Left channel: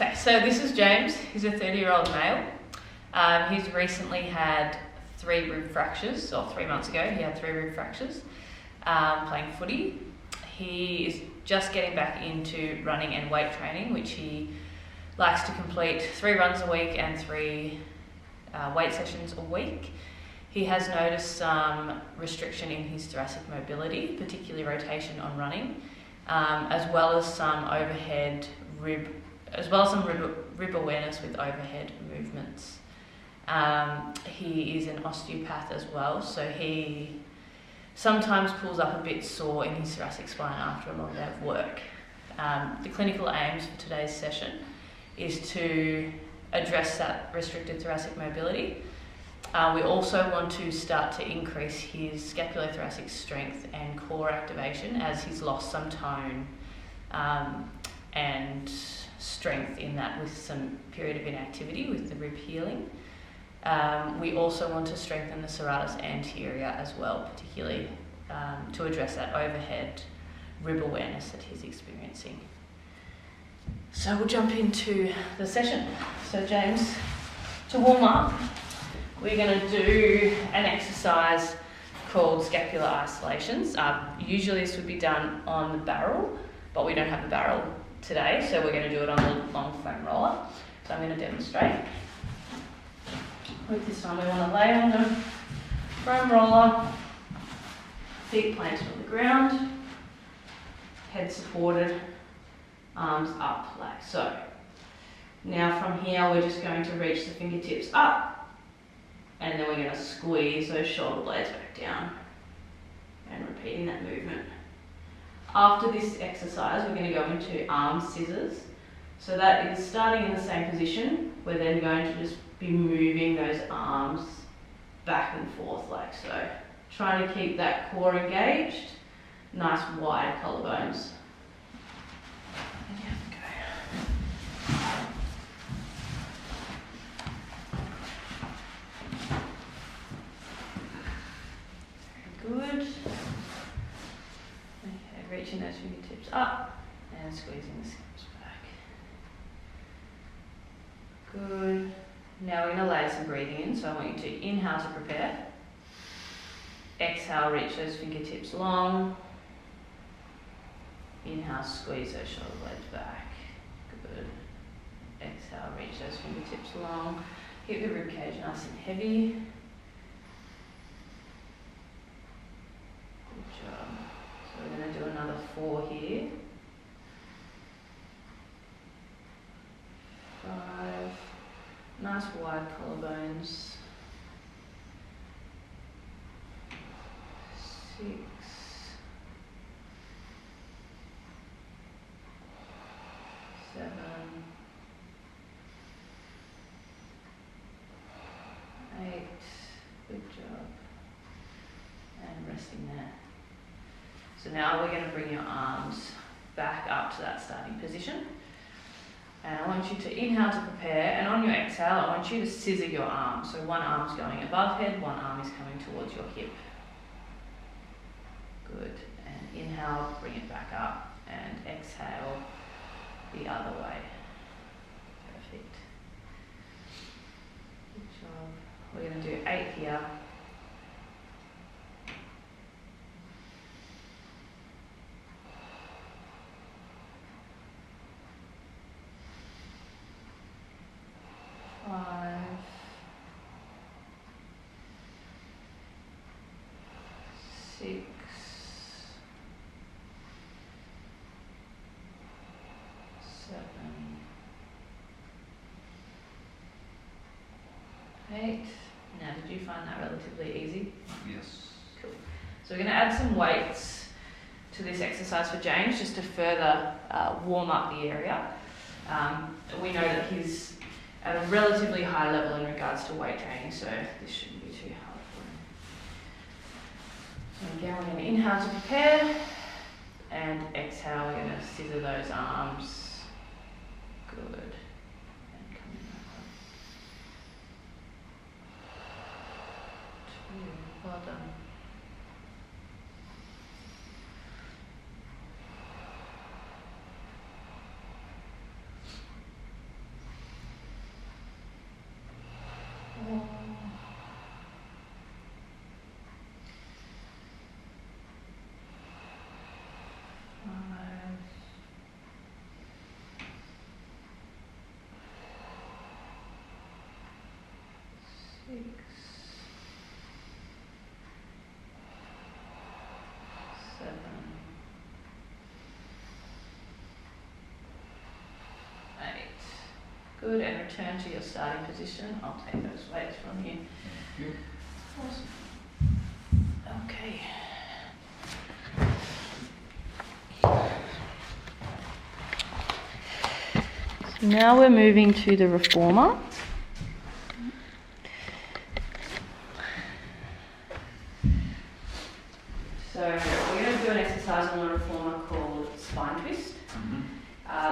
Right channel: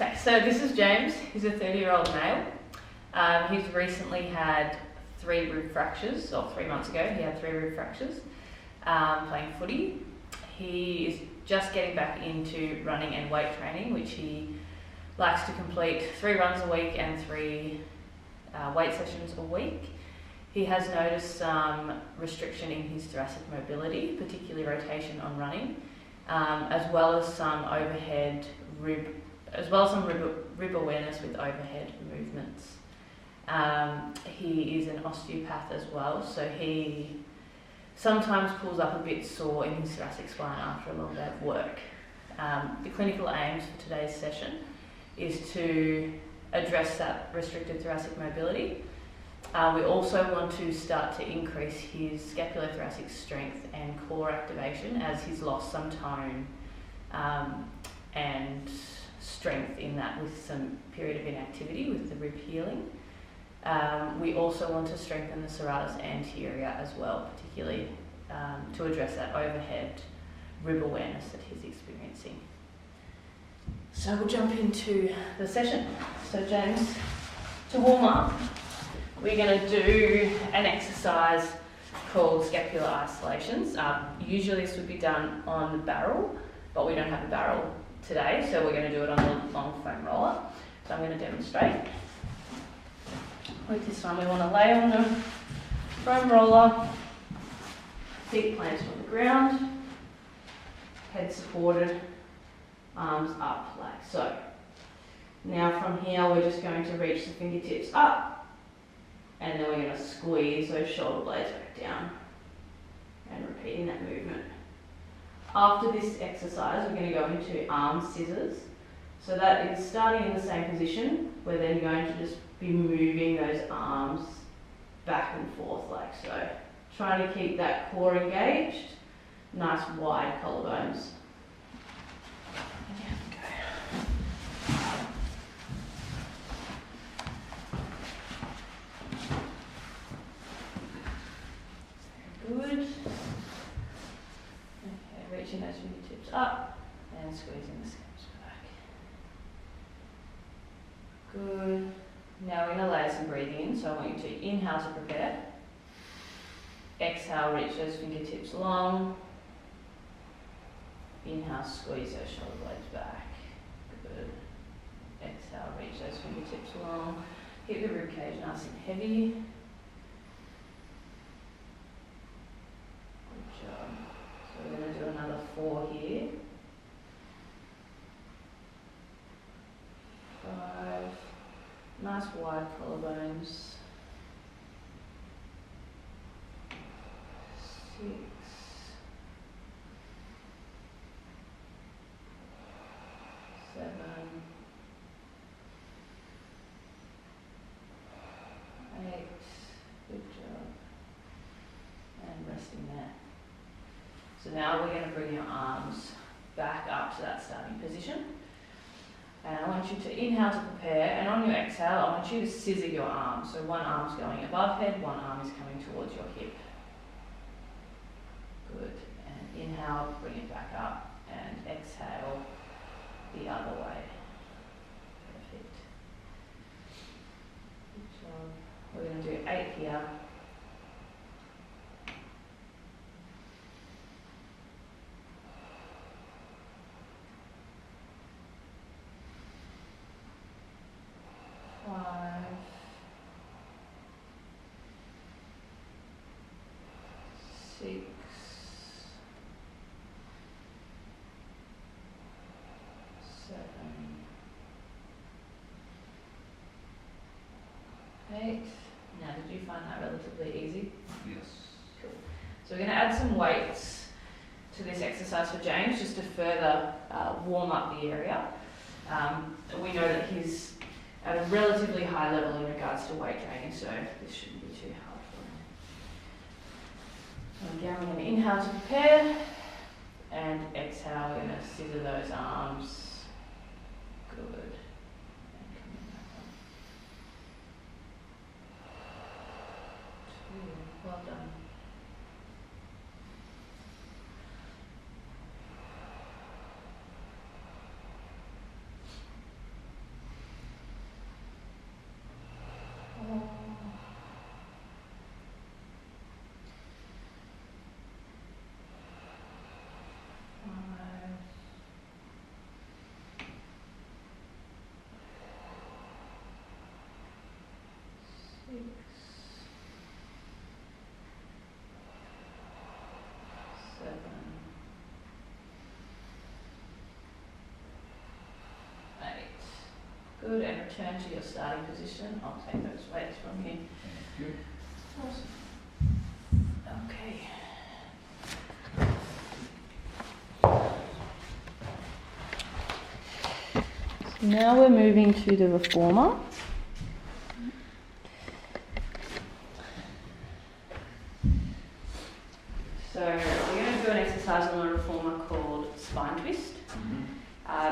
Okay, so this is James. He's a 30-year-old male. He's recently had 3 rib fractures, or 3 months ago he had 3 rib fractures playing footy. He is just getting back into running and weight training, which he likes to complete 3 runs a week and 3 weight sessions a week. He has noticed some restriction in his thoracic mobility, particularly rotation on running, as well as some rib awareness with overhead movements. He is an osteopath as well, so he sometimes pulls up a bit sore in his thoracic spine after a long day of work. The clinical aims for today's session is to address that restricted thoracic mobility. We also want to start to increase his scapulothoracic strength and core activation, as he's lost some tone and strength in that with some period of inactivity with the rib healing. We also want to strengthen the serratus anterior as well, particularly to address that overhead rib awareness that he's experiencing. So we'll jump into the session. So James, to warm up, we're going to do an exercise called scapular isolations. Usually this would be done on the barrel, but we don't have a barrel today, so we're going to do it on the long foam roller. So I'm going to demonstrate. With this one, we want to lay on the foam roller, feet planted on the ground, head supported, arms up like so. Now from here, we're just going to reach the fingertips up, and then we're going to squeeze those shoulder blades back down and repeating that movement. After this exercise, we're going to go into arm scissors. So that is starting in the same position. We're then going to just be moving those arms back and forth like so. Trying to keep that core engaged, nice wide collarbones. And have a go. Good. Okay, reaching those fingertips up and squeezing the scalps back. Good. Now we're going to layer some breathing in, so I want you to inhale to prepare. Exhale, reach those fingertips long. Inhale, squeeze those shoulder blades back. Good. Exhale, reach those fingertips long. Keep the ribcage nice and heavy. Good job. So we're going to do another 4 here. 5. Nice wide collarbones. 6. 7. 8. Good job. And resting there. So now we're going to bring your arms back up to that starting position. And I want you to inhale to prepare, and on your exhale, I want you to scissor your arms. So one arm's going above head, one arm is coming towards your hip. Good. And inhale, bring it back up, and exhale the other way. Perfect. Good job. We're going to do 8 here. Five, 6, 7, 8. Now, did you find that relatively easy? Yes. Cool. So we're going to add some weights to this exercise for James, just to further warm up the area. We know that he's at a relatively high level in regards to weight training, so this shouldn't be too hard for him. So again, we're going to inhale to prepare, and exhale, we're going to scissor those arms. Good. And coming back up. 2. Well done. Good, and return to your starting position. I'll take those weights from you. Thank you. Awesome. Okay. Now we're moving to the reformer. So we're going to do an exercise on the reformer called spine twist.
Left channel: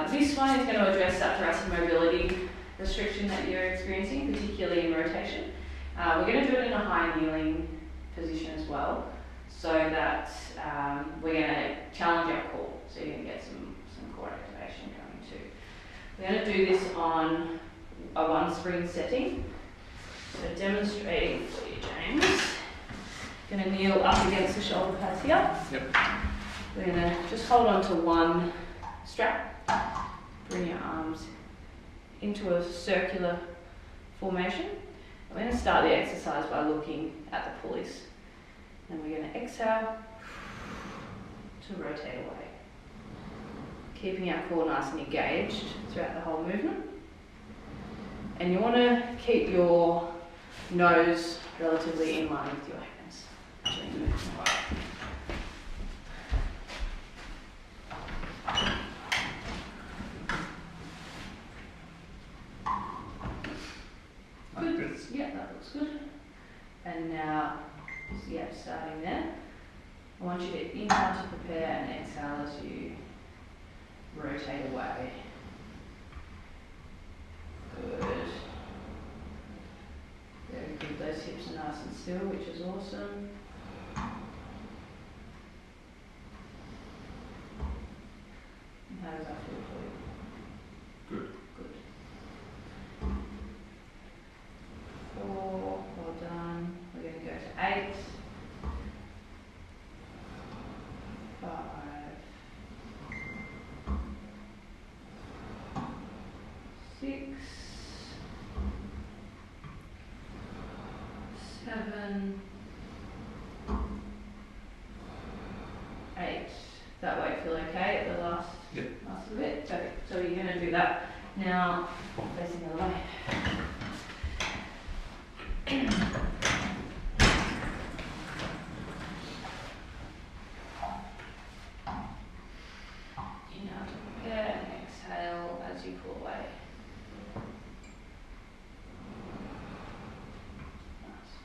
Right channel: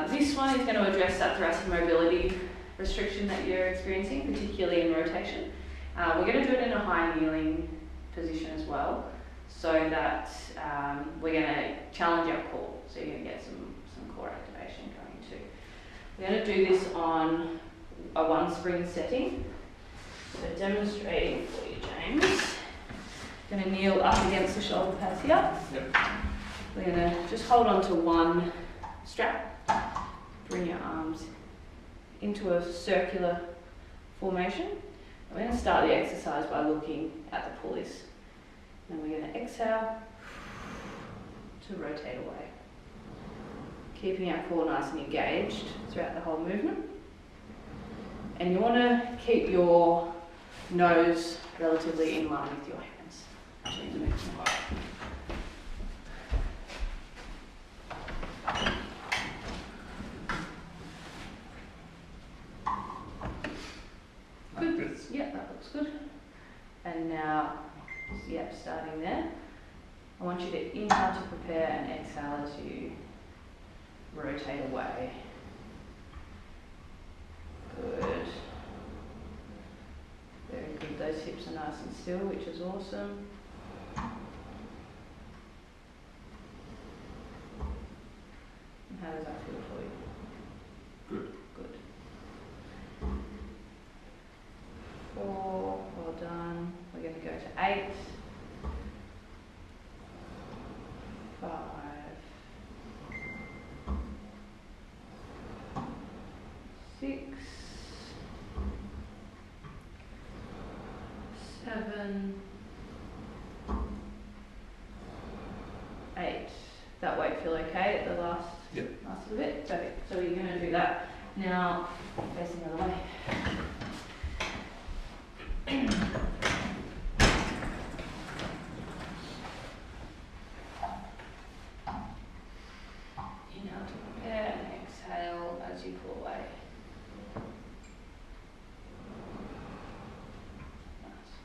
This one is going to address that thoracic mobility restriction that you're experiencing, particularly in rotation. We're going to do it in a high kneeling position as well, so that we're going to challenge your core, so you're going to get some core activation coming too. We're going to do this on a one spring setting. So demonstrating for you, James. Going to kneel up against the shoulder pads here. Yep. We're going to just hold on to one strap. Bring your arms into a circular formation. We're going to start the exercise by looking at the pulleys. Then we're going to exhale to rotate away. Keeping our core nice and engaged throughout the whole movement. And you want to keep your nose relatively in line with your hands during the movement. Good. Yeah, that looks good. And now, starting there. I want you to inhale to prepare and exhale as you rotate away. Good. Very good. Those hips are nice and still, which is awesome. And how does that feel for you? Good. Good. 4, well done. We're going to go to 8. 5. 6. 7. 8. That way feel okay at the last little bit? Perfect. So you're going to do that now, facing the other way. Inhale to prepare and exhale as you pull away. Nice.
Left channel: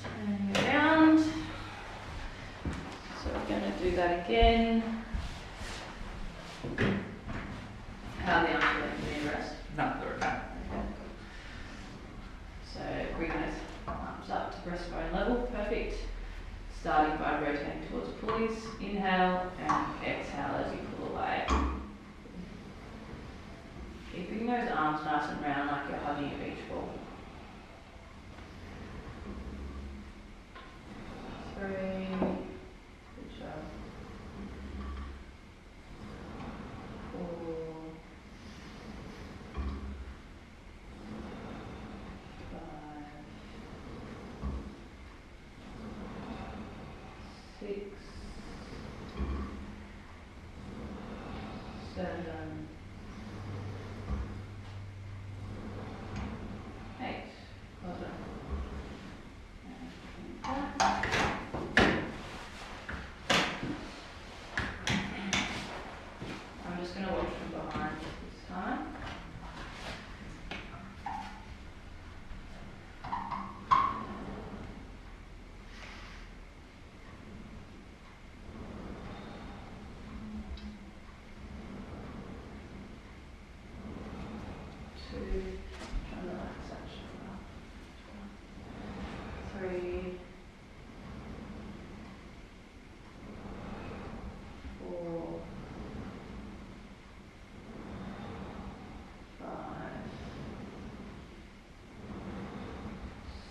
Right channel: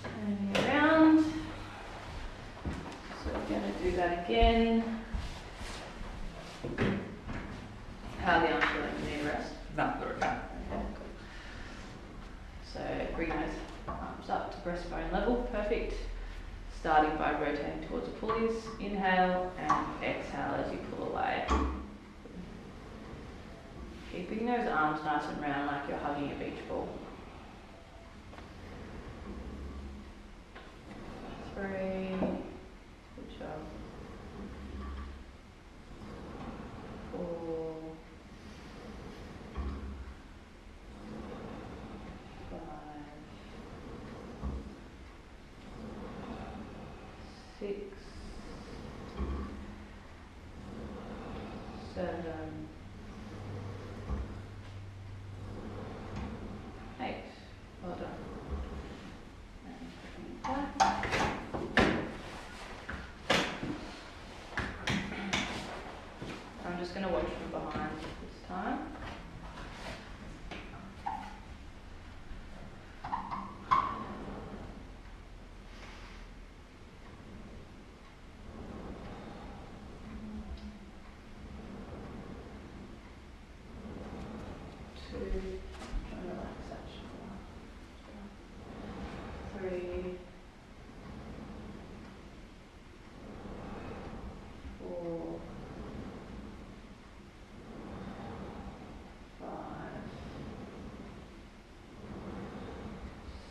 Turning around. So we're going to do that again. How the arms are in the rest? Not there. Okay, cool. So bring those arms up to breastbone level. Perfect. Starting by rotating towards the pulleys. Inhale and exhale as you pull away. Keeping those arms nice and round like you're hugging a beach ball. 3. Good job. 4. 5. 6. 7. 8. Well done. And back. I'm just going to work from behind this time. Try and relax that shoulder.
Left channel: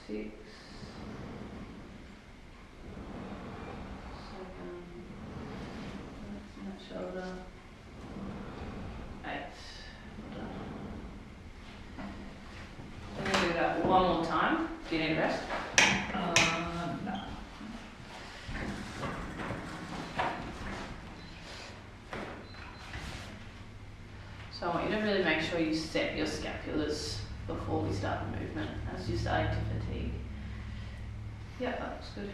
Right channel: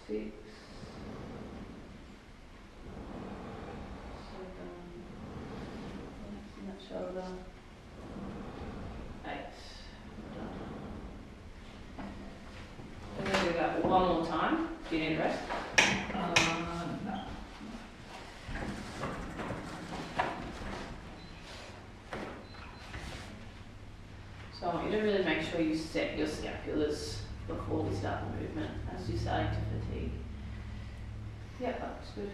6, 7, that's that shoulder, 8. I'm going to do that one more time. Do you need a rest? No. So I want you to really make sure you set your scapulars before we start the movement as you're starting to fatigue. Yeah, that's good.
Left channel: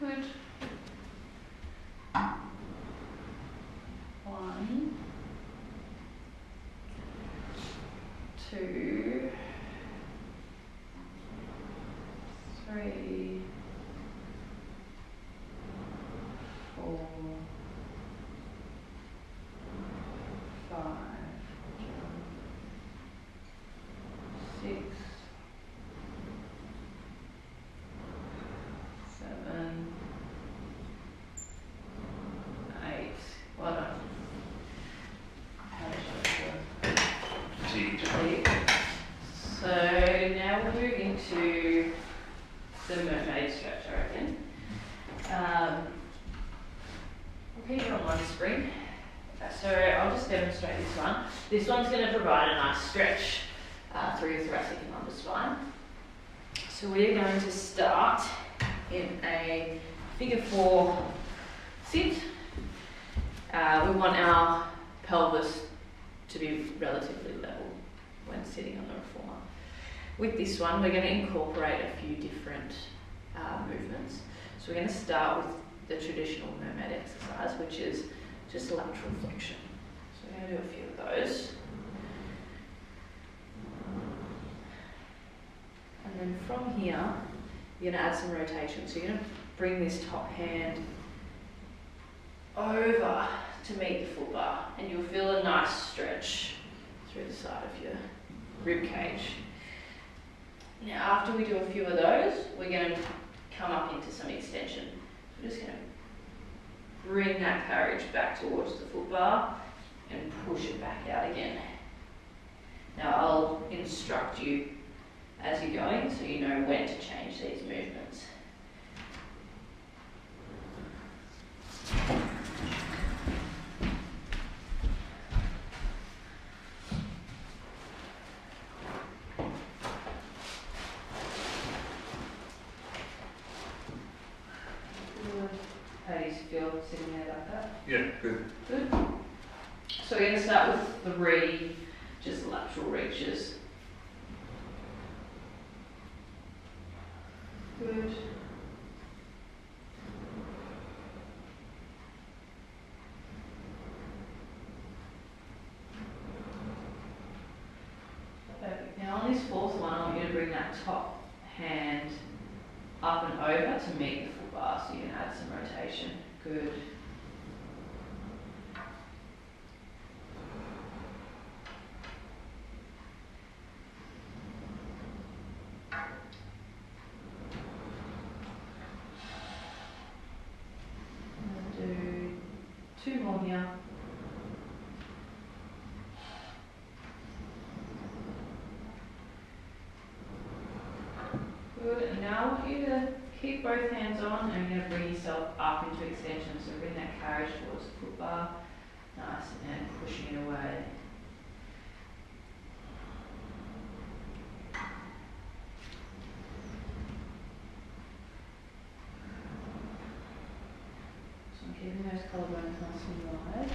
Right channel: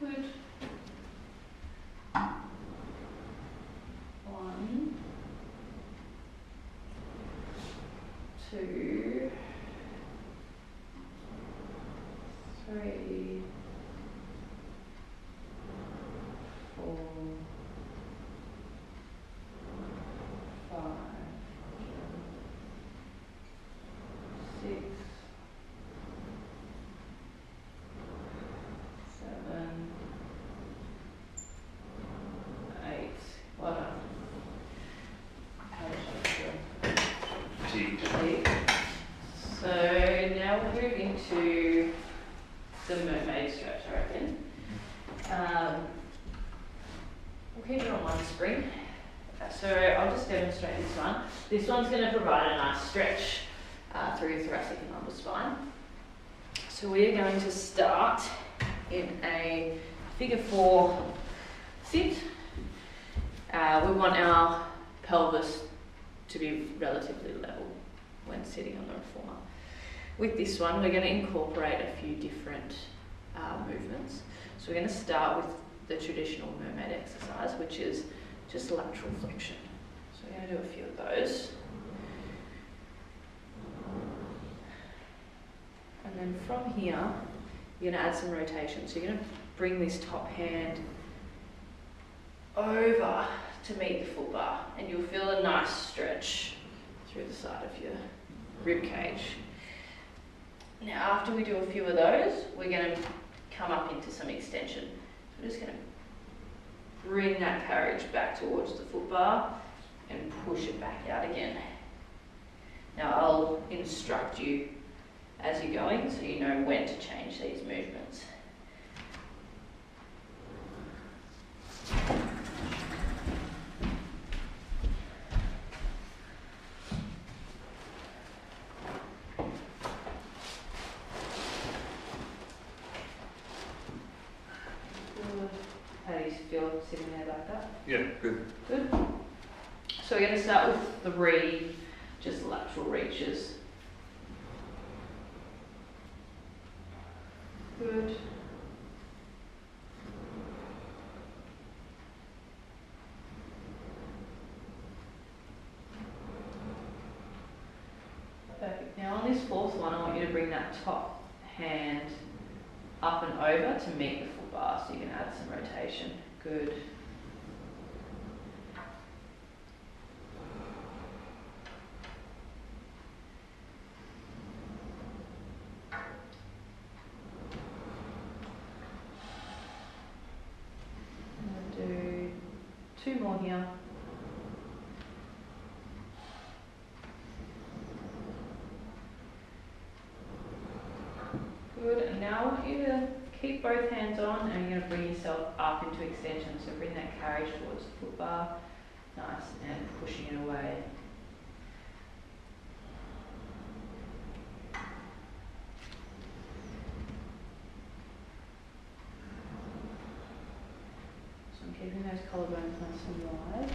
Good. 1, 2, 3, 4, 5, 6, 7, 8. Well done. How much do I feel? Fatigued. So now we'll move into the mermaid stretch, I reckon. We'll keep it on one spring. So I'll just demonstrate this one. This one's going to provide a nice stretch through your thoracic and lumbar spine. So we are going to start in a figure 4 sit. We want our pelvis to be relatively level when sitting on the reformer. With this one, we're going to incorporate a few different movements. So we're going to start with the traditional mermaid exercise, which is just lateral flexion. So we're going to do a few of those. And then from here, you're going to add some rotation. So you're going to bring this top hand over to meet the full bar, and you'll feel a nice stretch through the side of your rib cage. Now, after we do a few of those, we're going to come up into some extension. We're just going to bring that carriage back towards the foot bar and push it back out again. Now, I'll instruct you as you're going so you know when to change these movements. How do you feel sitting there like that? Yeah, good. Good. So we're going to start with 3 just lateral reaches. Good. Perfect. Now on this 4th one, I want you to bring that top hand up and over to meet the full bar, so you can add some rotation. Good. I'm going to do 2 more here. Good, and now I want you to keep both hands on and you're going to bring yourself up into extension. So bring that carriage towards the foot bar. Nice, and pushing it away. collarbones nice and wide.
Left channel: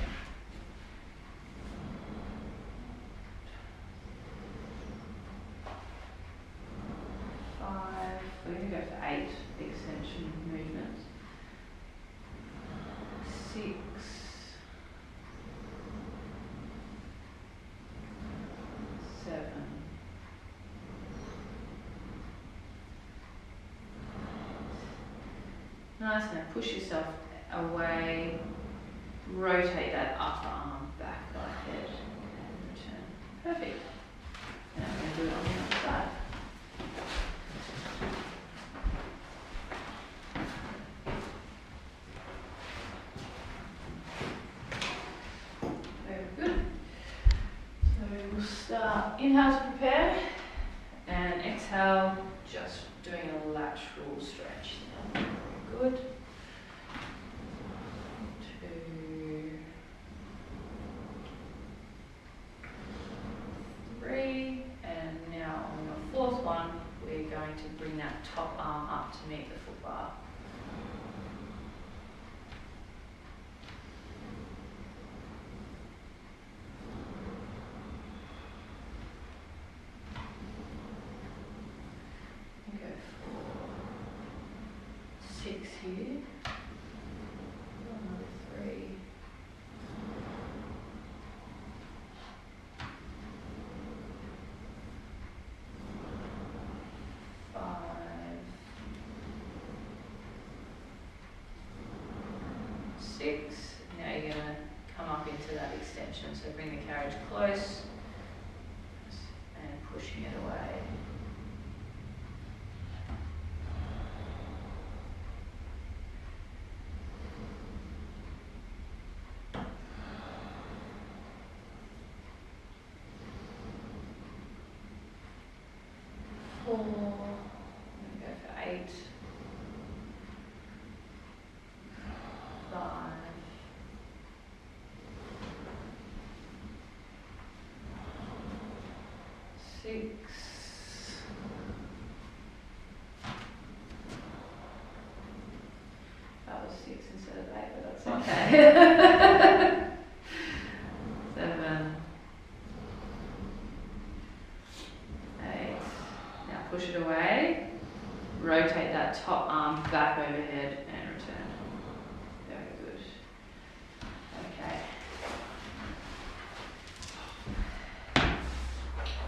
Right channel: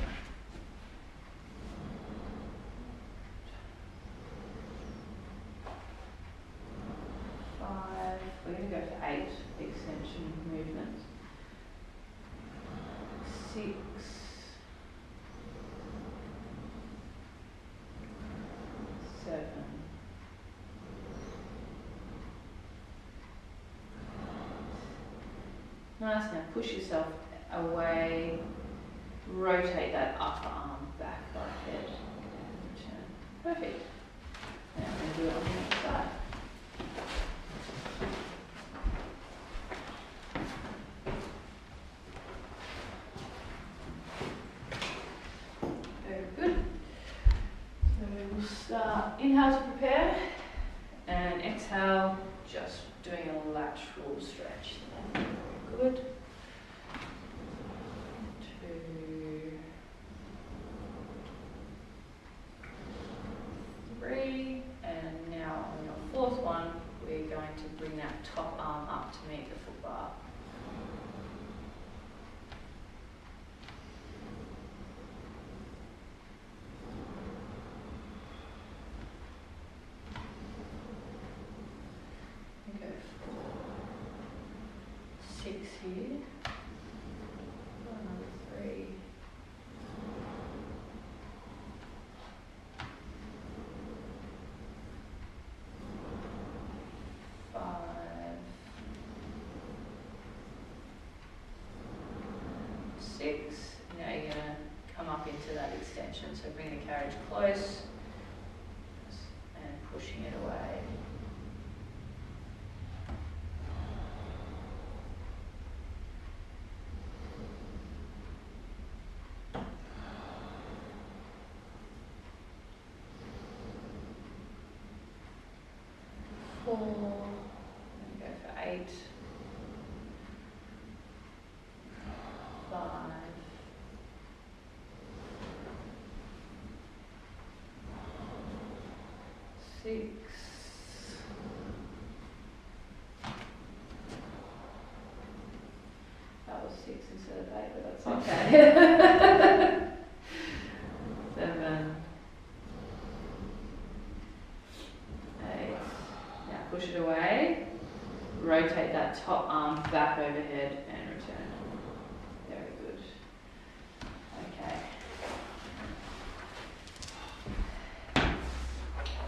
We're going to go for 8 extension movements. 6, 7, 9. Now push yourself away, rotate that upper arm back, go ahead and return. Perfect. Now we're going to do it on the other side. Inhale to prepare, and exhale, just doing a lateral stretch. Good. 2, 3, and now on your 4th one, we're going to bring that top arm up to meet the foot bar. Here, another 3, 5, 6. Now you're going to come up into that extension, so bring the carriage close and pushing it away. I'm going to go for 8, 5, 6, 6 instead of 8, but that's okay. 7, 8. Now push it away. Rotate that top arm back overhead and return. Very good. Okay.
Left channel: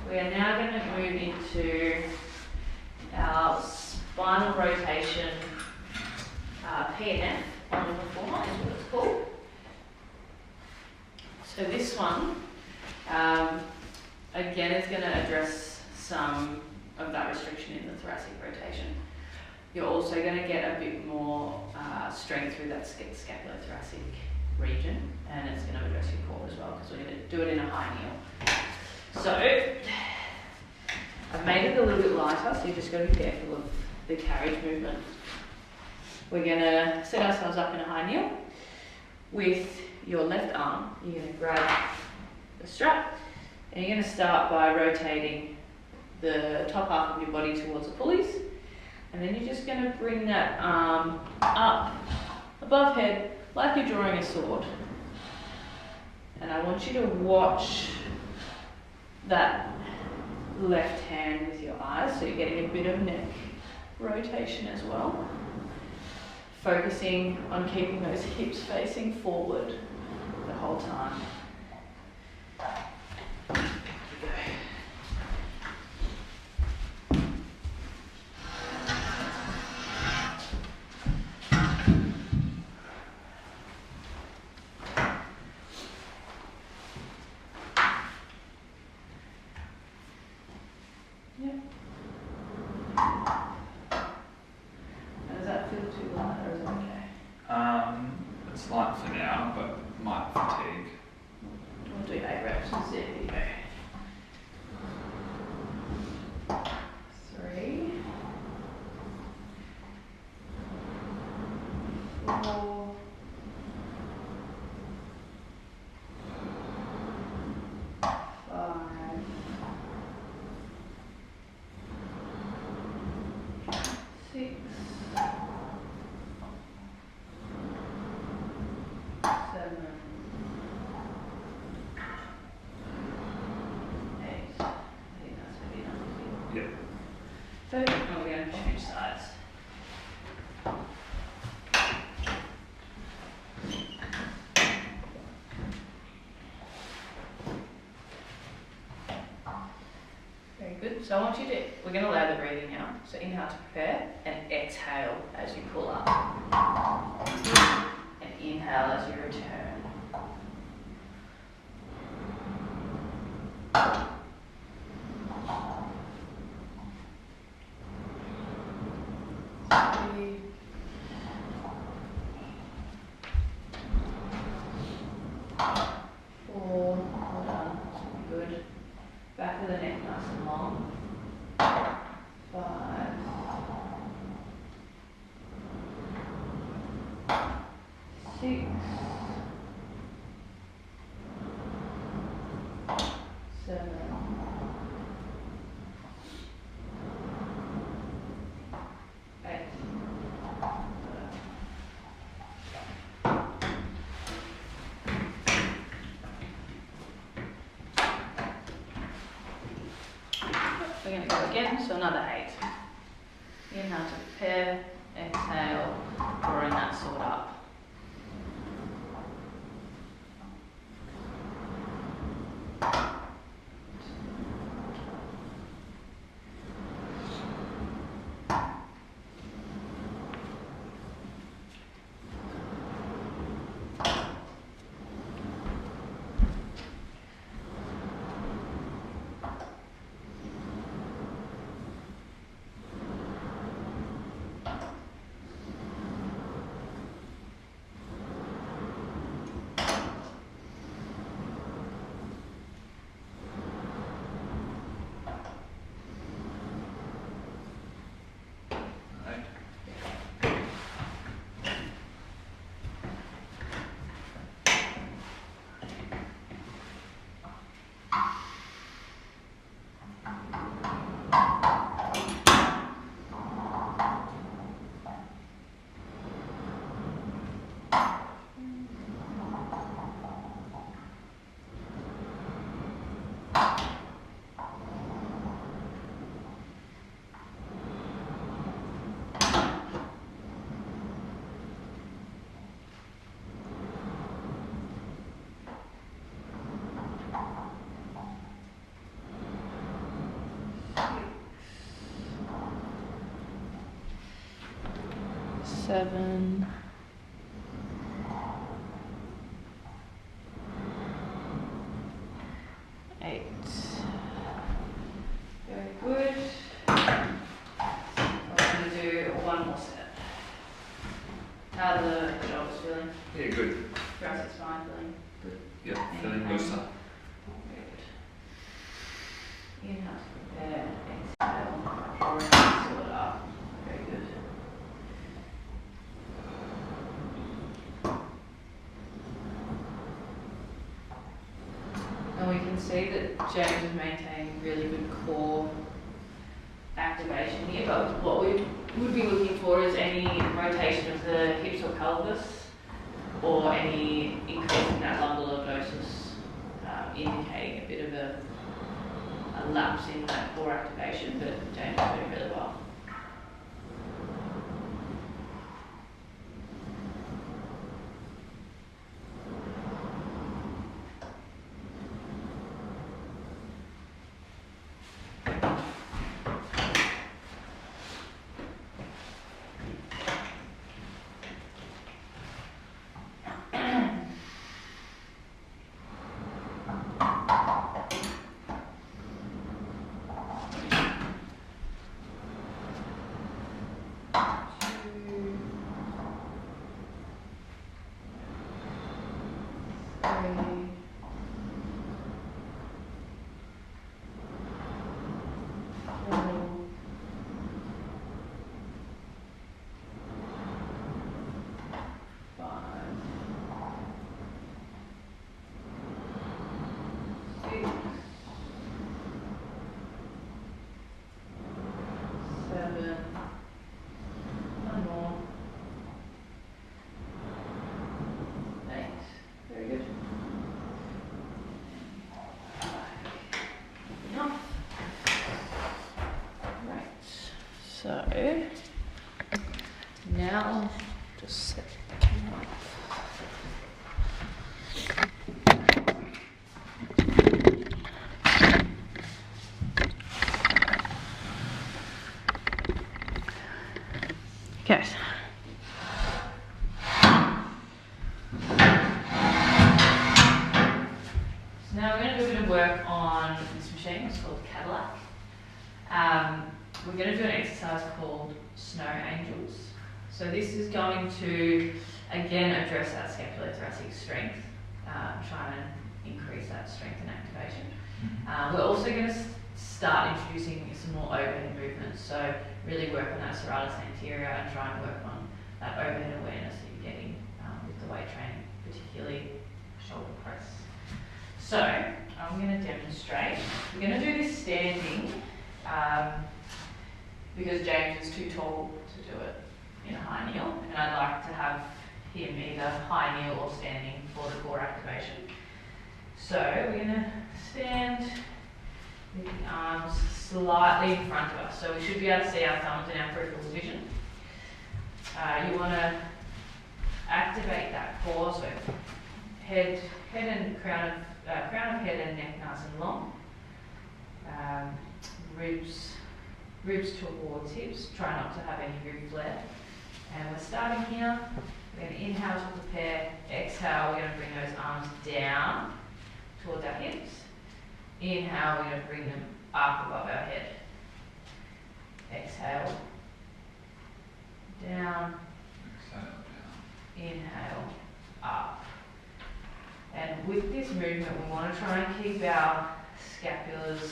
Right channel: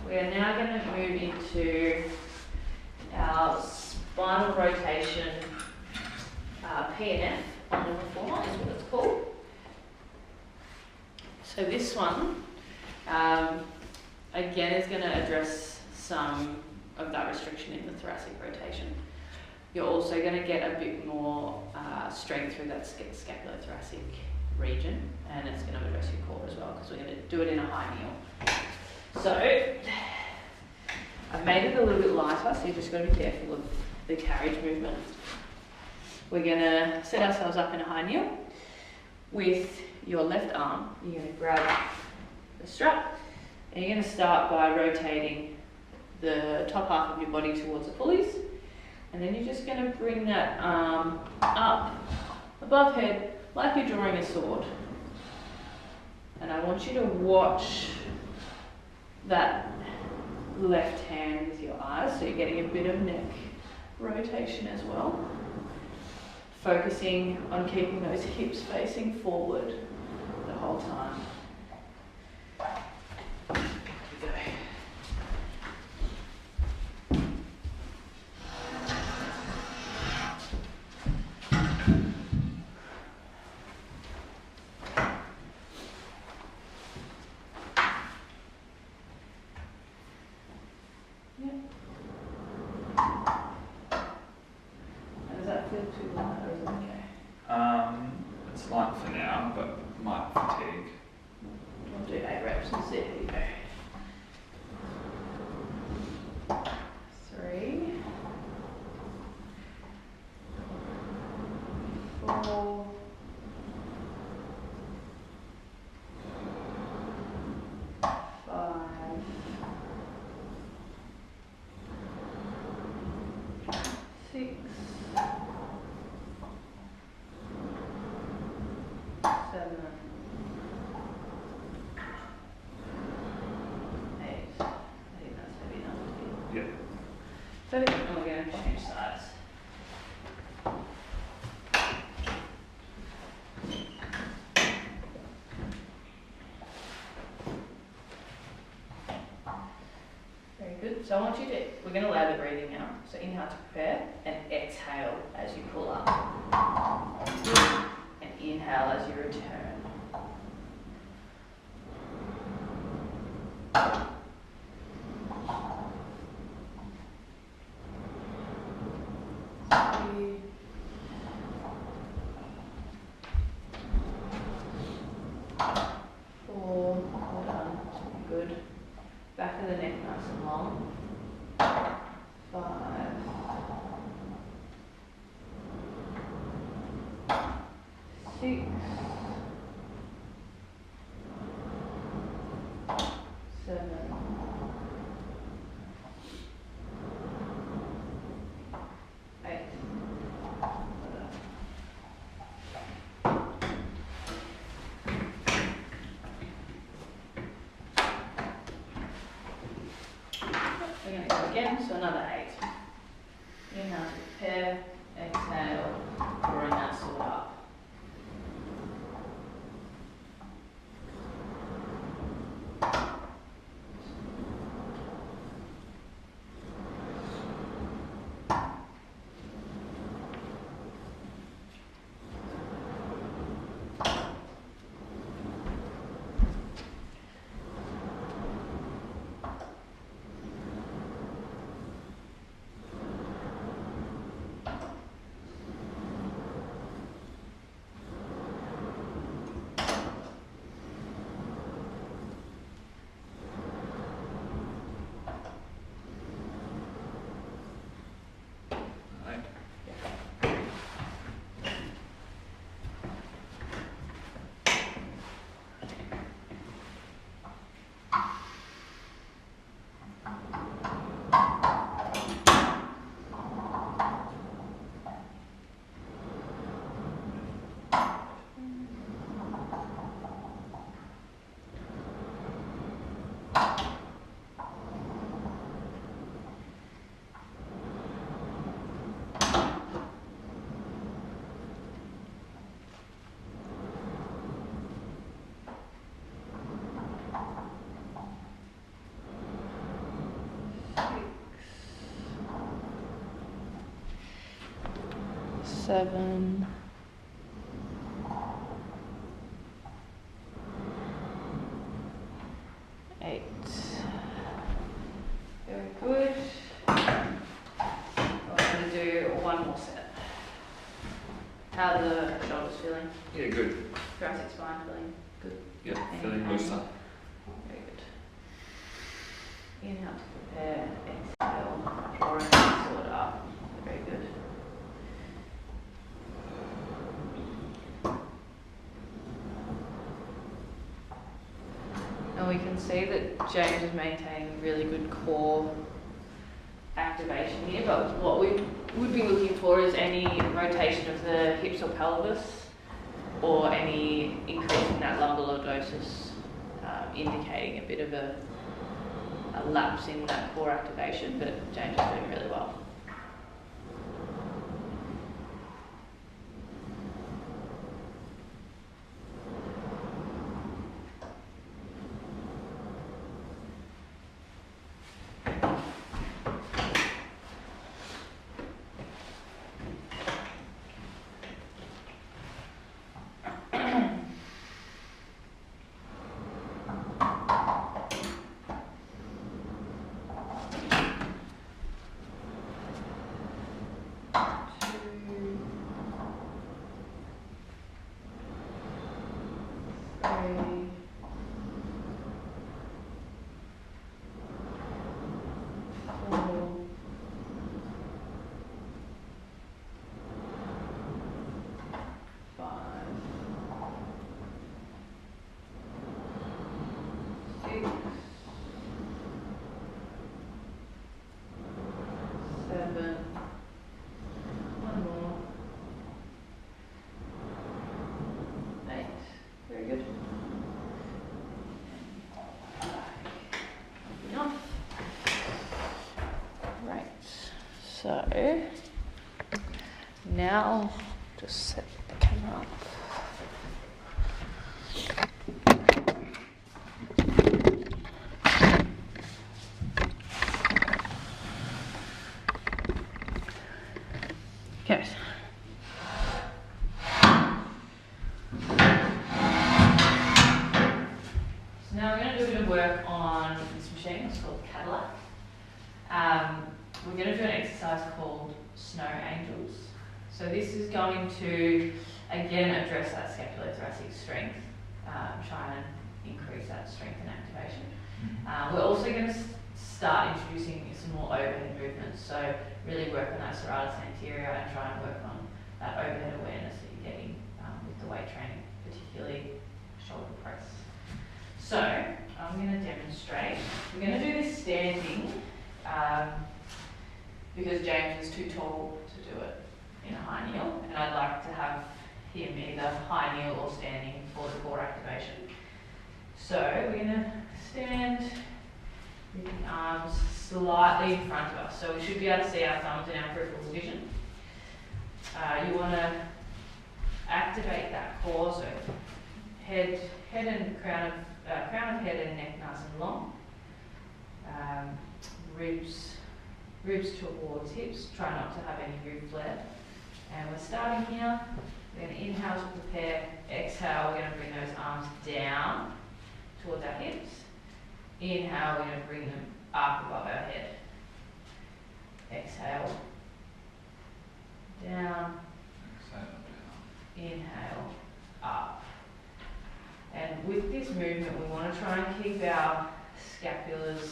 We are now going to move into our spinal rotation PNF on the reformer, is what it's called. So this one, again, is going to address some of that restriction in the thoracic rotation. You're also going to get a bit more strength through that scapulothoracic region, and it's going to address your core as well, because we're going to do it in a high kneel. So I've made it a little bit lighter, so you've just got to be careful of the carriage movement. We're going to set ourselves up in a high kneel. With your left arm, you're going to grab the strap, and you're going to start by rotating the top half of your body towards the pulleys, and then you're just going to bring that arm up above head like you're drawing a sword. And I want you to watch that left hand with your eyes, so you're getting a bit of neck rotation as well. Focusing on keeping those hips facing forward the whole time. There we go. It's light for now, but might fatigue. We'll do 8 reps and see if you go. 3, 4, 5, 6, So I want you to, we're going to allow the breathing now. So inhale to prepare and exhale as you pull up. And inhale as you return. Four, well done, good. Back of the neck nice and long. 5, 6, 7, 8. We're going to go again, so another 8. Inhale to prepare, exhale, bring that sword up. Seven, 8. Very good. We're going to do one more set. How are the shoulders feeling? Yeah, good. Thoracic spine feeling good? Yeah, feeling looser. Very good. Inhale to prepare, exhale, or pull it up. Very good. And we can see that James is maintaining really good core activation here, but what we would be looking for is any rotation of the hips or pelvis or any increase in that lumbar lordosis, indicating a bit of a lapse in that core activation, but James is doing really well. So now just set the camera up. Okay. Now we're going to do a bit of work on this machine. It's called Cadillac. We're going to do an exercise called Snow Angels. So this is going to, again, address that scapulothoracic strength, try and increase that strength and activation. We're also going to start introducing some more overhead movements. So really work on that serratus anterior and try and work on that overhead awareness that you're getting with the weight training, particularly shoulder press. So I'm going to demonstrate. We're going to do this standing because James is too tall to do it in a high kneel, and I'd like to have him either high kneel or standing for the core activation. So we're going to stand with the arms slightly in front of us. So we should be able to see our thumbs in our peripheral vision. You want to activate that core, so head and crown of head and neck nice and long. Ribs towards hips. Try not to have any rib flare. And we're starting here. We're going to inhale to prepare. Exhale, we're going to bring those arms down towards our hips. Inhale, we're going to bring them up above our head. Exhale, down. Inhale, up. And with this movement, we want to try and keep our scapulars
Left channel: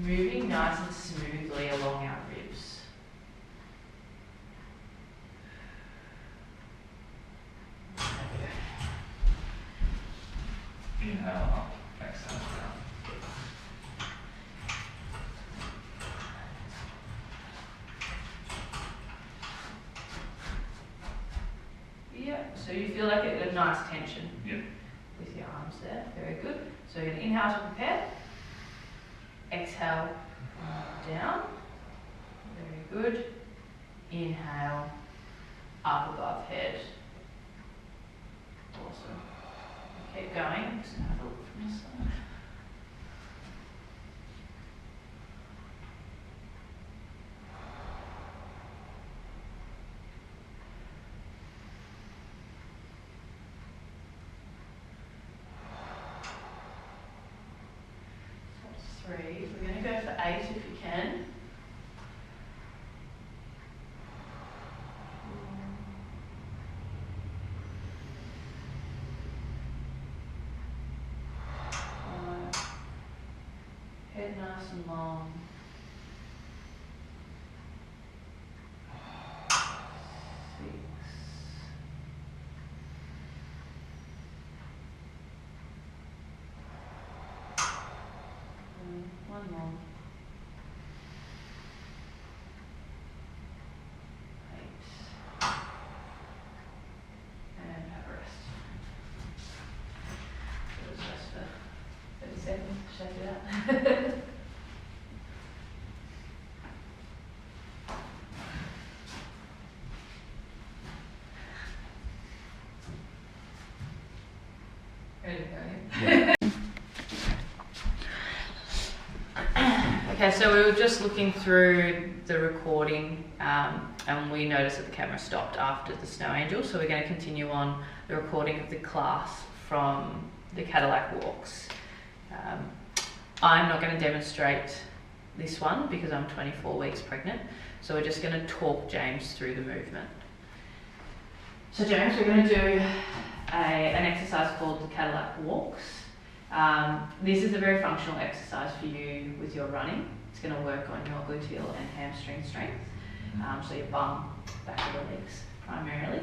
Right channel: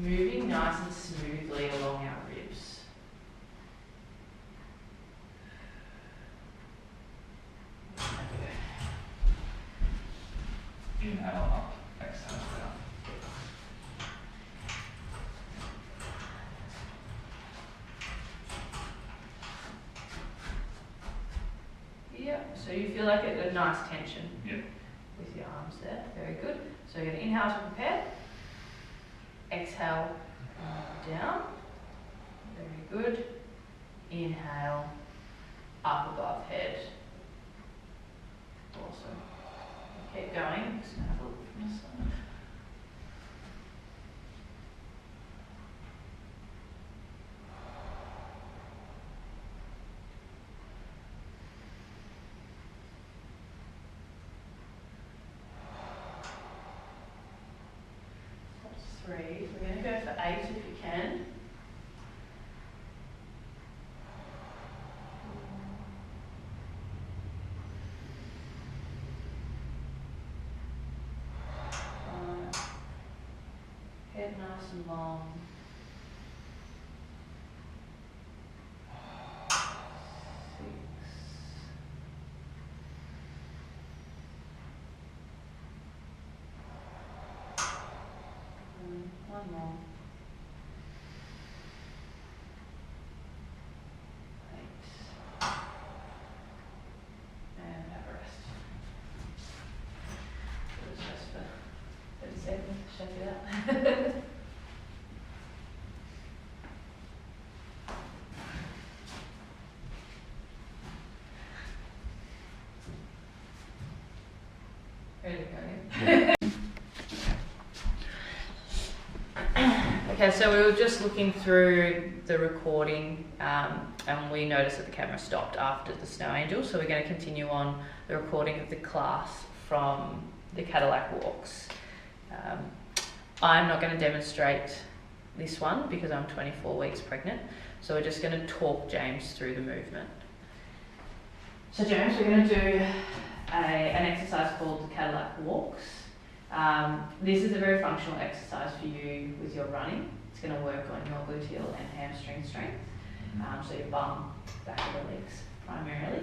moving nice and smoothly along our ribs. Inhale up, exhale down. Yeah, so you feel like a nice tension Yep. with your arms there. Very good. So you're going to inhale to prepare. Exhale down. Very good. Inhale up above head. Awesome. Keep going. Just gonna have a look from the side. That's 3. We're going to go for 8 if you can. Head nice and long. 6. One more. 8. And have a rest. Just rest for 30 seconds, shake it out. Ready to go again? Okay, so we were just looking through the recording and we noticed that the camera stopped after the Snow Angel, so we're going to continue on the recording of the class from the Cadillac walks. I'm not going to demonstrate this one because I'm 24 weeks pregnant, so we're just going to talk James through the movement. So James, we're going to do an exercise called the Cadillac walks. This is a very functional exercise for you with your running. It's going to work on your gluteal and hamstring strength, so your bum, back of the legs primarily.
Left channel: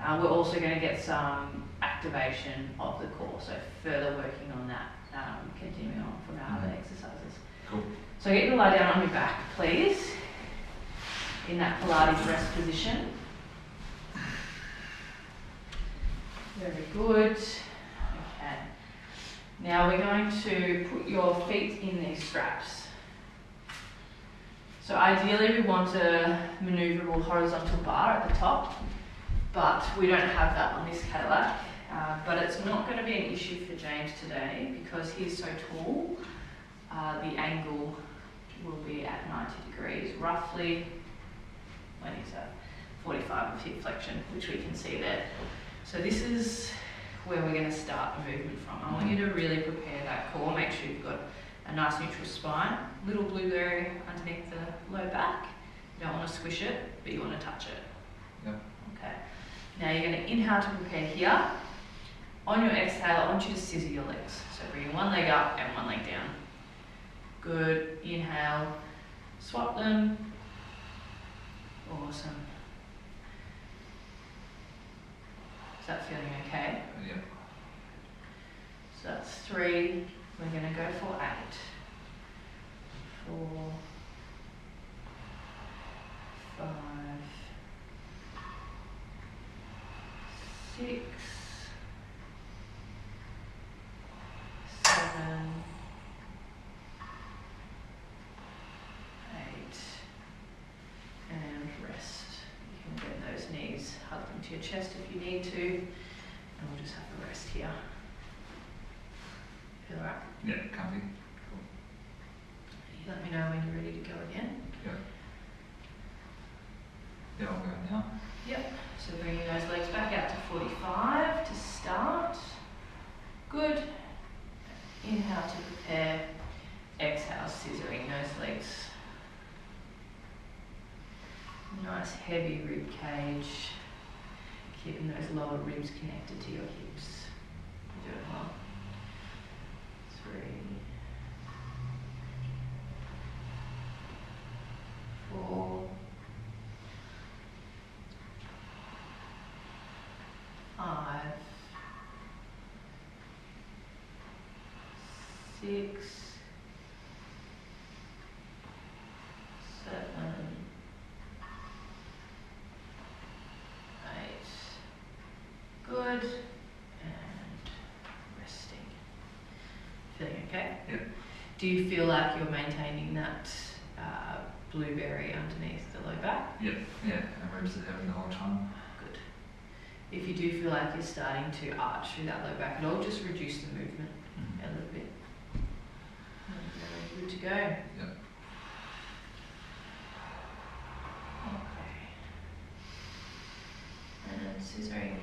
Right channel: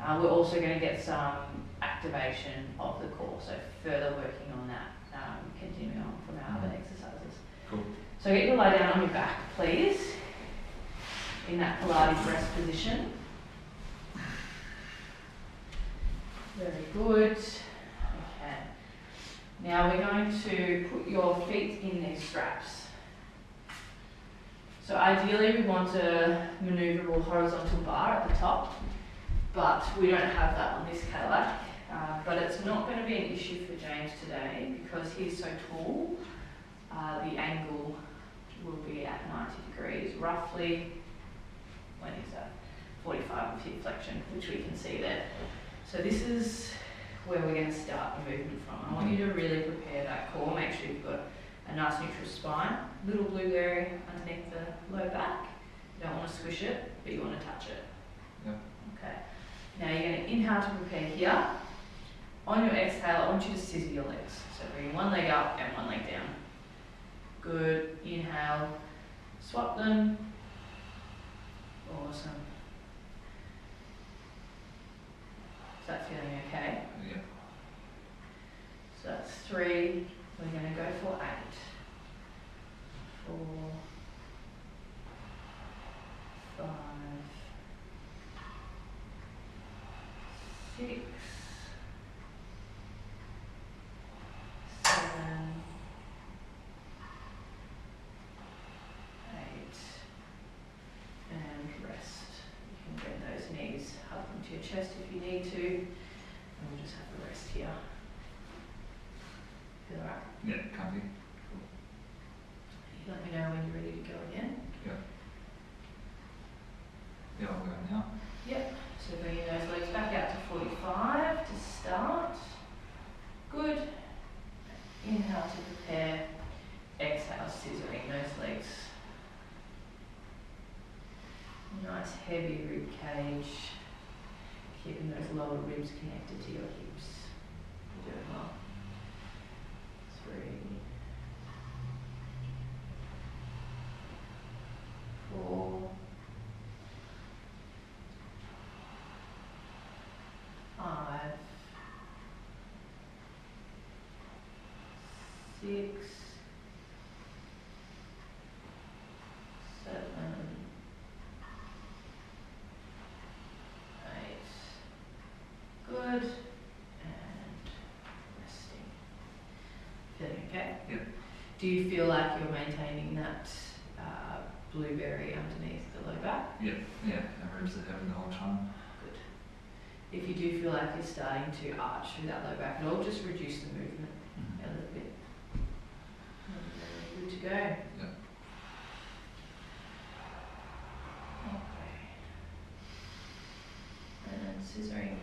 We're also going to get some activation of the core, so further working on that, continuing on from our other exercises. Cool. So get you to lie down on your back, please, in that Pilates rest position. Very good. Okay. Now we're going to put your feet in these straps. So ideally we want a manoeuvrable horizontal bar at the top, but we don't have that on this Cadillac. But it's not going to be an issue for James today because he's so tall. The angle will be at 90 degrees, roughly, when is that? 45 of hip flexion, which we can see there. So this is where we're going to start the movement from. I want you to really prepare that core, make sure you've got a nice neutral spine, little blueberry underneath the low back. You don't want to squish it, but you want to touch it. Yep. Okay. Now you're going to inhale to prepare here. On your exhale, I want you to scissor your legs. So bring one leg up and one leg down. Good. Inhale. Swap them. Awesome. Is that feeling okay? Yep. So that's 3. We're going to go for 8. 4, 5, 6, 7, 8, and rest. You can bend those knees, hug them to your chest if you need to, and we'll just have the rest here. Feel alright? Yeah, comfy. Cool. Let me know when you're ready to go again. Yep. Yeah, I'll go now. Yep. So bringing those legs back out to 45 to start. Good. Inhale to prepare. Exhale, scissoring those legs. Nice heavy rib cage. Keeping those lower ribs connected to your hips. You're doing well. 3, 4, 5, 6, 7, 8. Good. And resting. Feeling okay? Yep. Do you feel like you're maintaining that blueberry underneath the low back? Yep. Yeah, and ribs are heavy the whole time. Good. If you do feel like you're starting to arch through that low back at all, just reduce the movement a little bit. And good to go. Yep. Okay. And scissoring.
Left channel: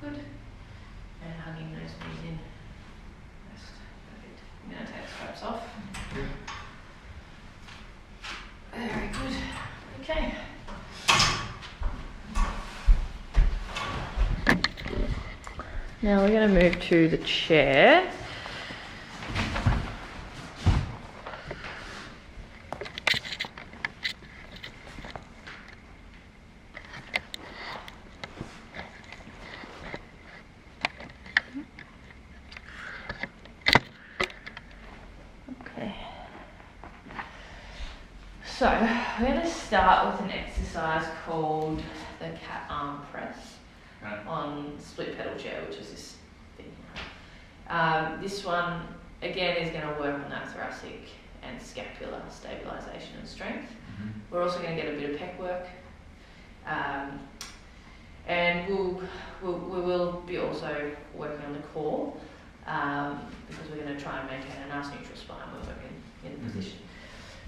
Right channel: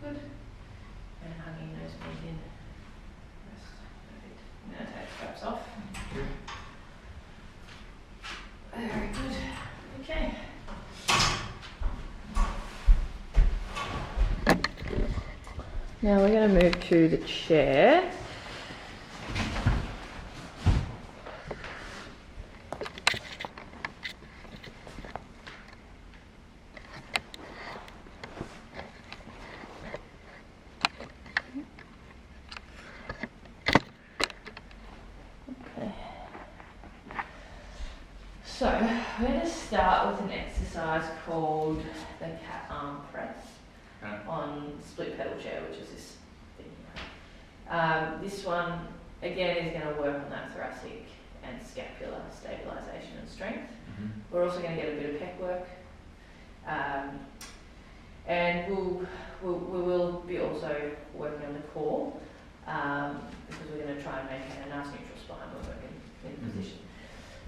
Good. And hugging those knees in. Yes, perfect. I'm going to take straps off. Very good. Okay. Now we're going to move to the chair. So we're going to start with an exercise called the cat arm press on split pedal chair, which is this thing here. This one again is going to work on that thoracic and scapular stabilisation and strength. Mm-hmm. We're also going to get a bit of pec work, and we will be also working on the core because we're going to try and maintain a nice neutral spine when we're in the position.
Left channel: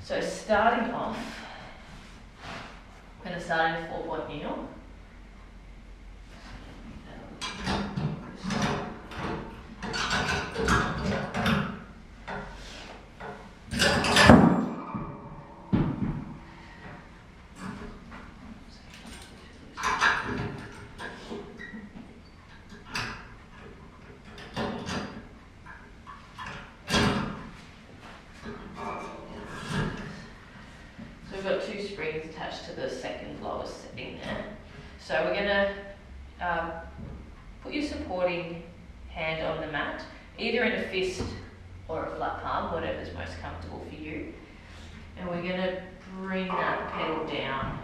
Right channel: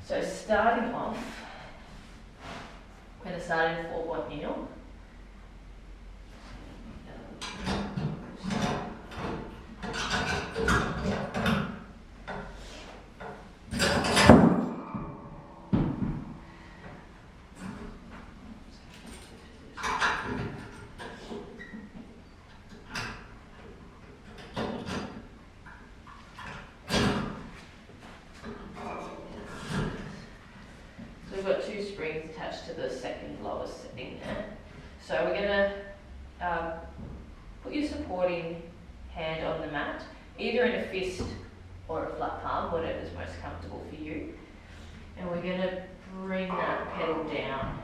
So starting off, we're going to start in a 4-point kneel. We've got 2 springs attached to the second lowest setting there. So we're going to put your supporting hand on the mat, either in a fist or a flat palm, whatever's most comfortable for you. And we're going to bring that pedal down.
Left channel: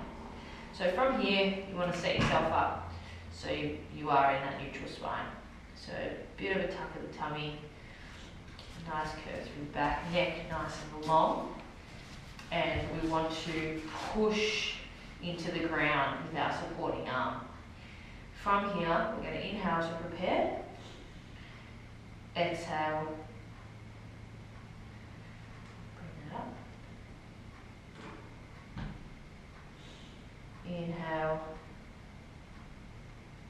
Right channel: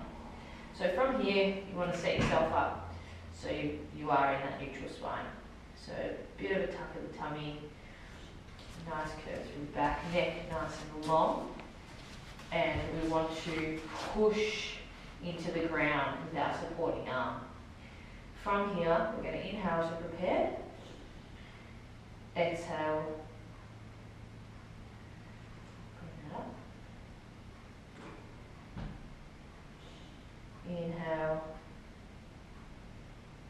So from here, you want to set yourself up so you are in that neutral spine. So a bit of a tuck of the tummy, nice curve through the back, neck nice and long. And we want to push into the ground with our supporting arm. From here, we're going to inhale as we're prepared. Exhale. Bring that up. Inhale.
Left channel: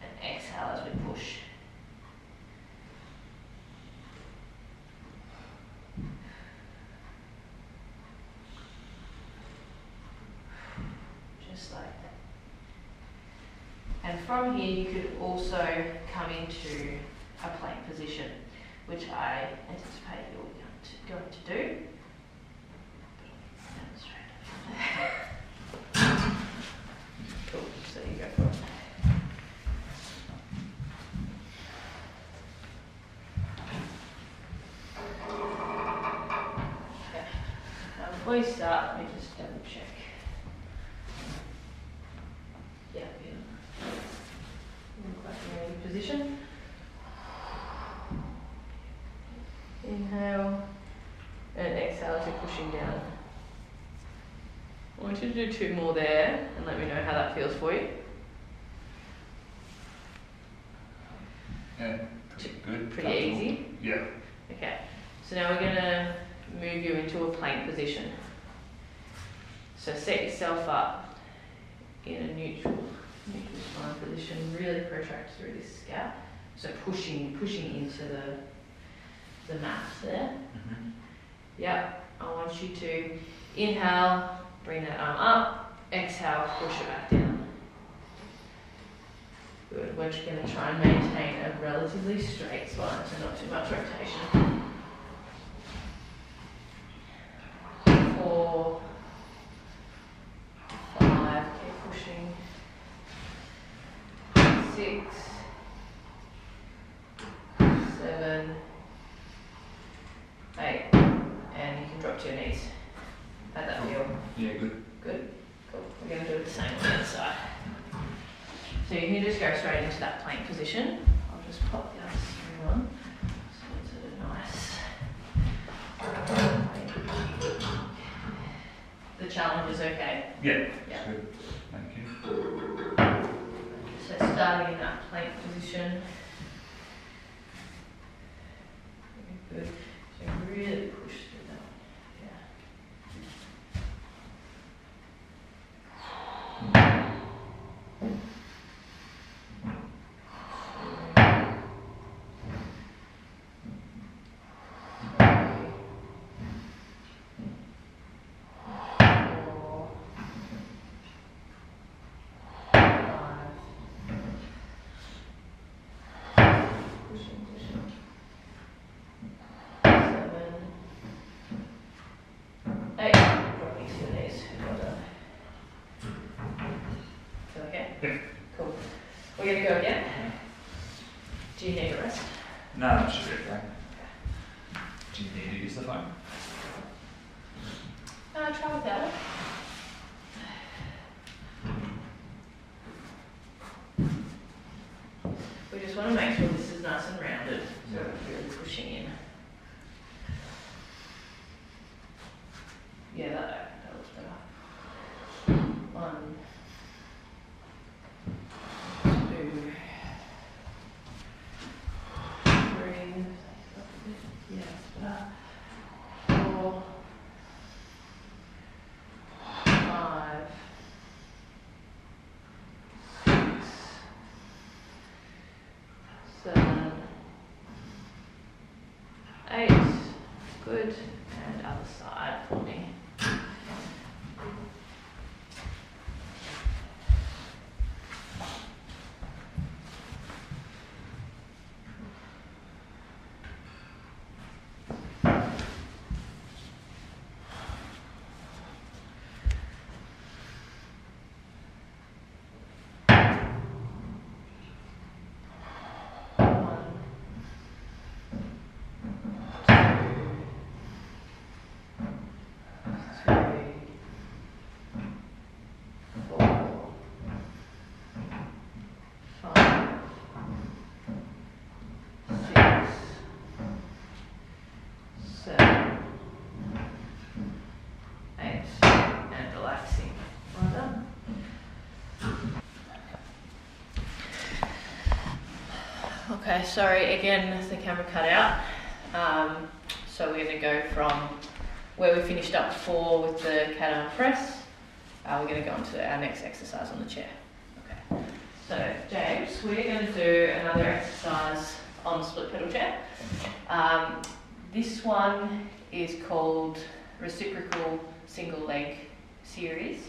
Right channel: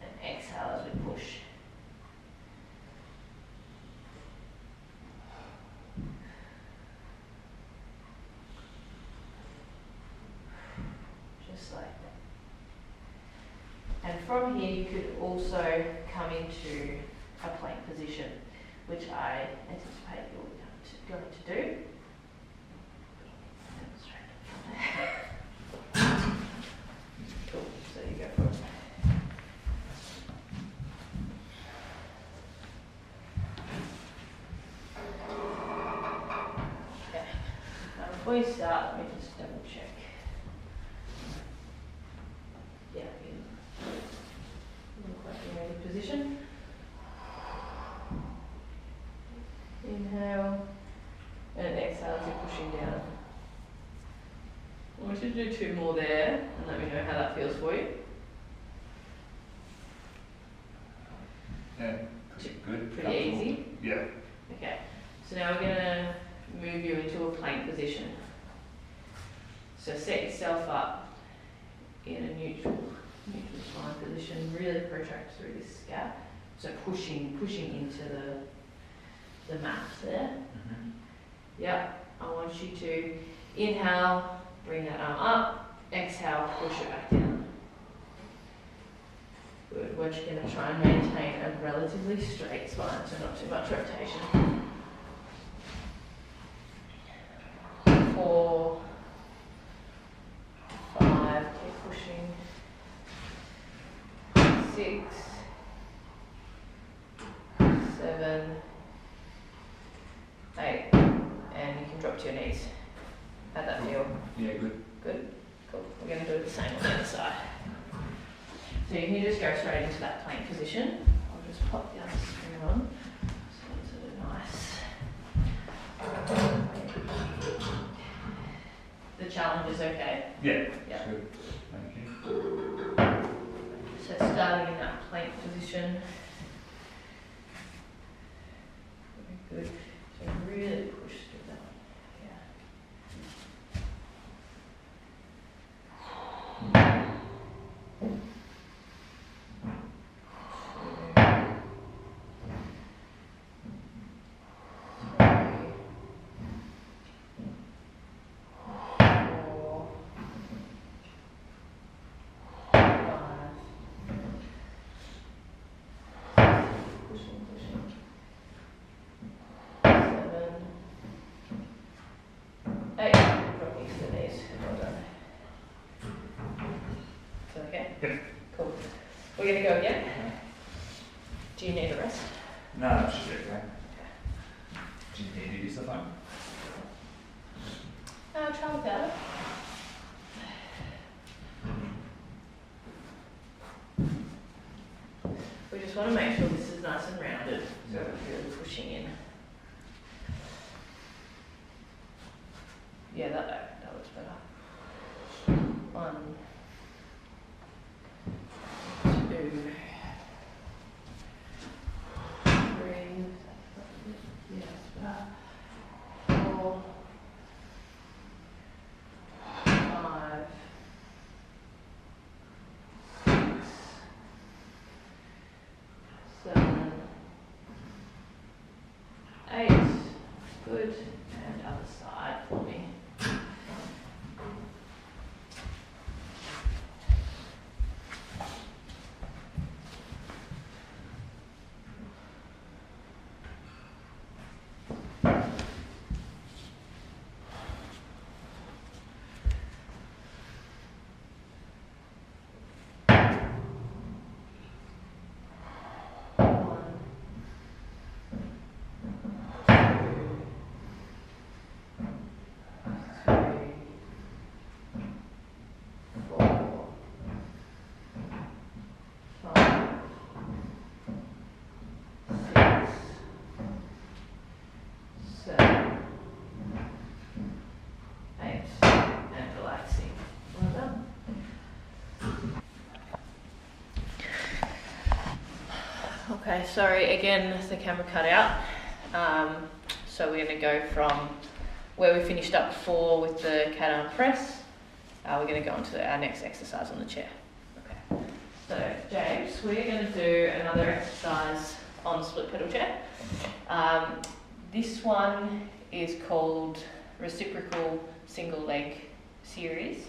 And exhale as we push. Just like that. And from here you could also come into a plank position, which I anticipate you're going to do. Cool, so you go for it. Okay, now before you start, let me just double check. Yeah, look like you're in a good position. Inhale and exhale as you're pushing down. I want you to do 2 more there and let me know how that feels for you. Yeah, pretty good. Pretty easy? Yeah. Okay, so now we're going to move you into a plank position. So set yourself up in a neutral spine position, really protract through this scap. So pushing into the mat there. Mm-hmm. Yep, I want you to inhale, bring that arm up, exhale, push it back down. Good, we're just going to try and maintain a relatively straight spine, so not too much rotation. 4, 5, keep pushing. 6, 7, 8, and you can drop to your knees. How'd that feel? Yeah, good. Good? Cool. We're going to do the same on the other side. So you can just go straight into that plank position. I'll just pop the other screen on. So it's a nice. The challenge is okay? Yeah, Yeah. good. Thank you. So starting in that plank position. Very good. So really push through that one. Cool. We're going to go again. Do you need a rest? No, that should be okay. Do you need to use the phone? Try without it. We just want to make sure this is nice and rounded, so we're really pushing in. Yeah, that looks better. 1, 2, 3. Yeah, that's better. 4, 5, 6, 7, 8. Good. And other side for me. Okay, sorry, again, the camera cut out. So we're going to go from where we finished up before with the cat arm press. We're going to go on to our next exercise on the chair. Okay. So, James, we're going to do another exercise on the split pedal chair. This one is called reciprocal single leg series,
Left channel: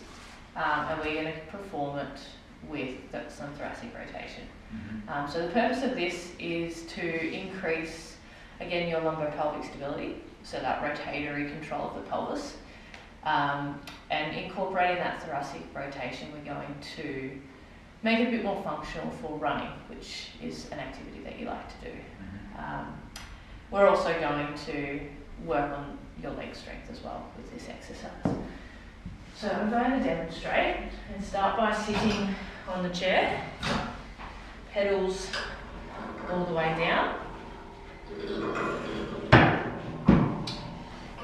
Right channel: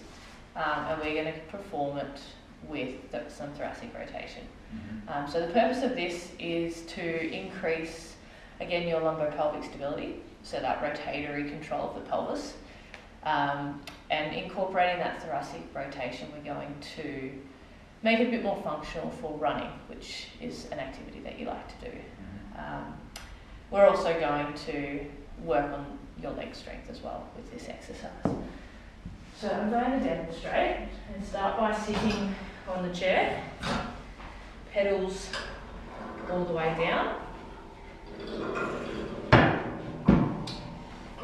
and we're going to perform it with some thoracic rotation. Mm-hmm. So the purpose of this is to increase, again, your lumbopelvic stability, so that rotatory control of the pelvis, and incorporating that thoracic rotation, we're going to make it a bit more functional for running, which is an activity that you like to do. Mm-hmm. We're also going to work on your leg strength as well with this exercise. So I'm going to demonstrate and start by sitting on the chair, pedals all the way down.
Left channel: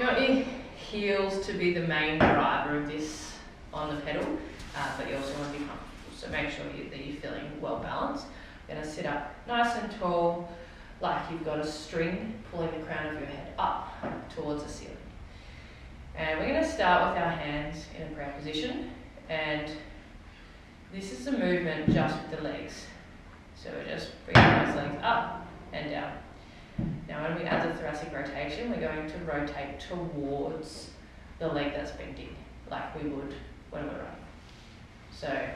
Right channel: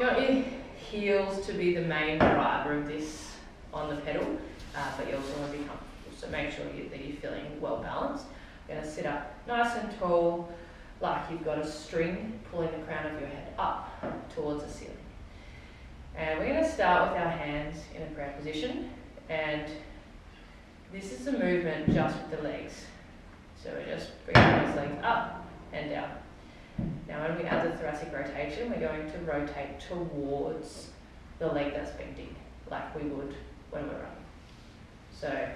You want your heels to be the main driver of this on the pedal, but you also want to be comfortable, so make sure that you're feeling well balanced. You're going to sit up nice and tall, like you've got a string pulling the crown of your head up towards the ceiling. And we're going to start with our hands in a prayer position, and this is the movement just with the legs. So we're just bringing those legs up and down. Now when we add the thoracic rotation, we're going to rotate towards the leg that's bending, like we would when we're running. So.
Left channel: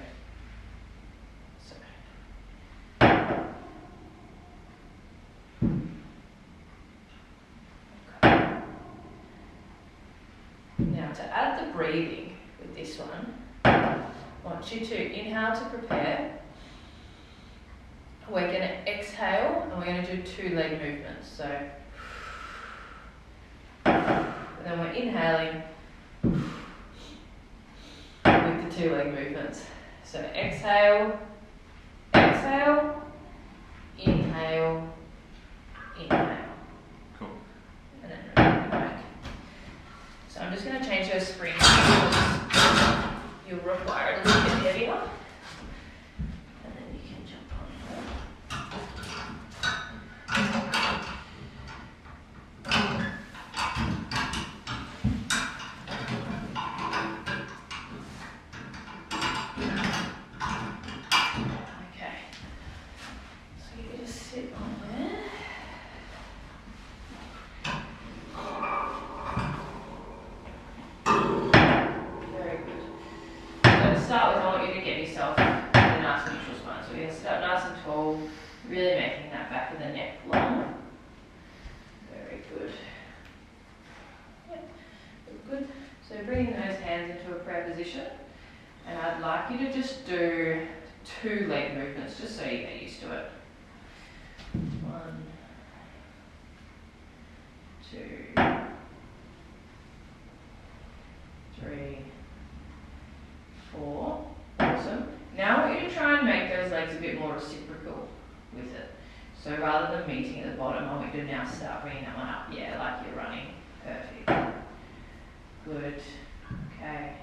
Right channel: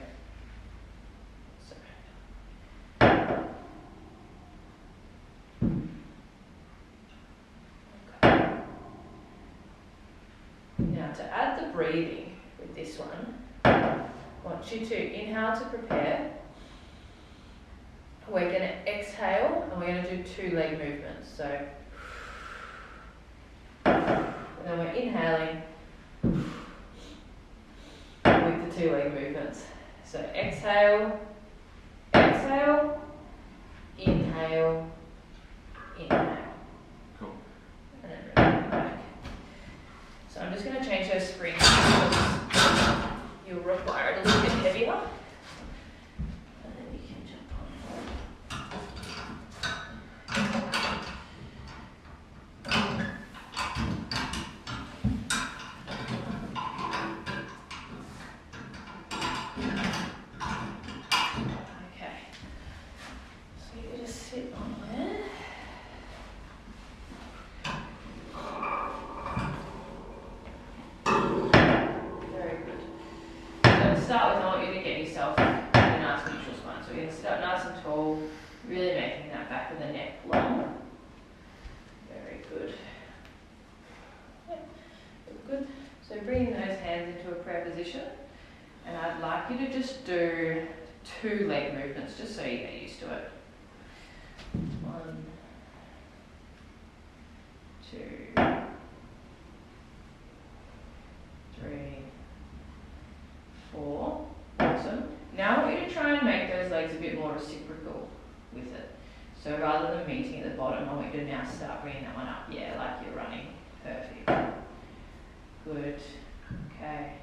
Now to add the breathing with this one, I want you to inhale to prepare. We're going to exhale and we're going to do 2 leg movements. So, and then we're inhaling with the 2 leg movements. So exhale, exhale, inhale, inhale. Cool. And then rotate it back. So I'm just going to change those springs because you'll require it a little bit heavier. And then you can jump on. Okay. So you just sit on there. Start with, I want you to get yourself a nice neutral spine. So we're going to start nice and tall, really making that back of the neck long. Very good. Yeah, good. So bringing those hands into a prayer position, and I'd like you to just do 2 leg movements, just so you get used to it. 1, 2, 3, 4. Awesome. Now I want you to try and make those legs a bit more reciprocal with it. So rather than meeting at the bottom, I want you to now start bringing that one up. Yeah, like you're running. Perfect. Good. Okay.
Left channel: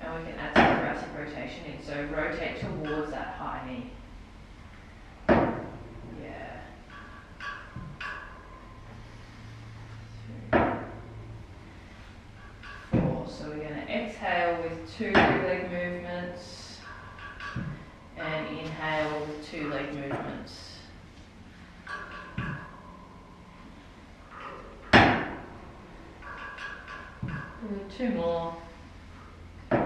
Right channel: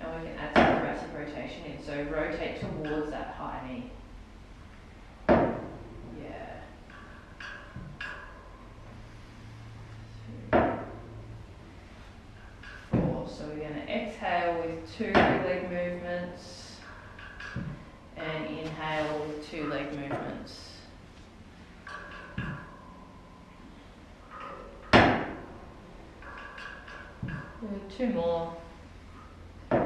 Now we can add some thoracic rotation in. So rotate towards that high knee. Yeah. 3, 4. So we're going to exhale with 2 leg movements and inhale with 2 leg movements. Good. 2 more. 3,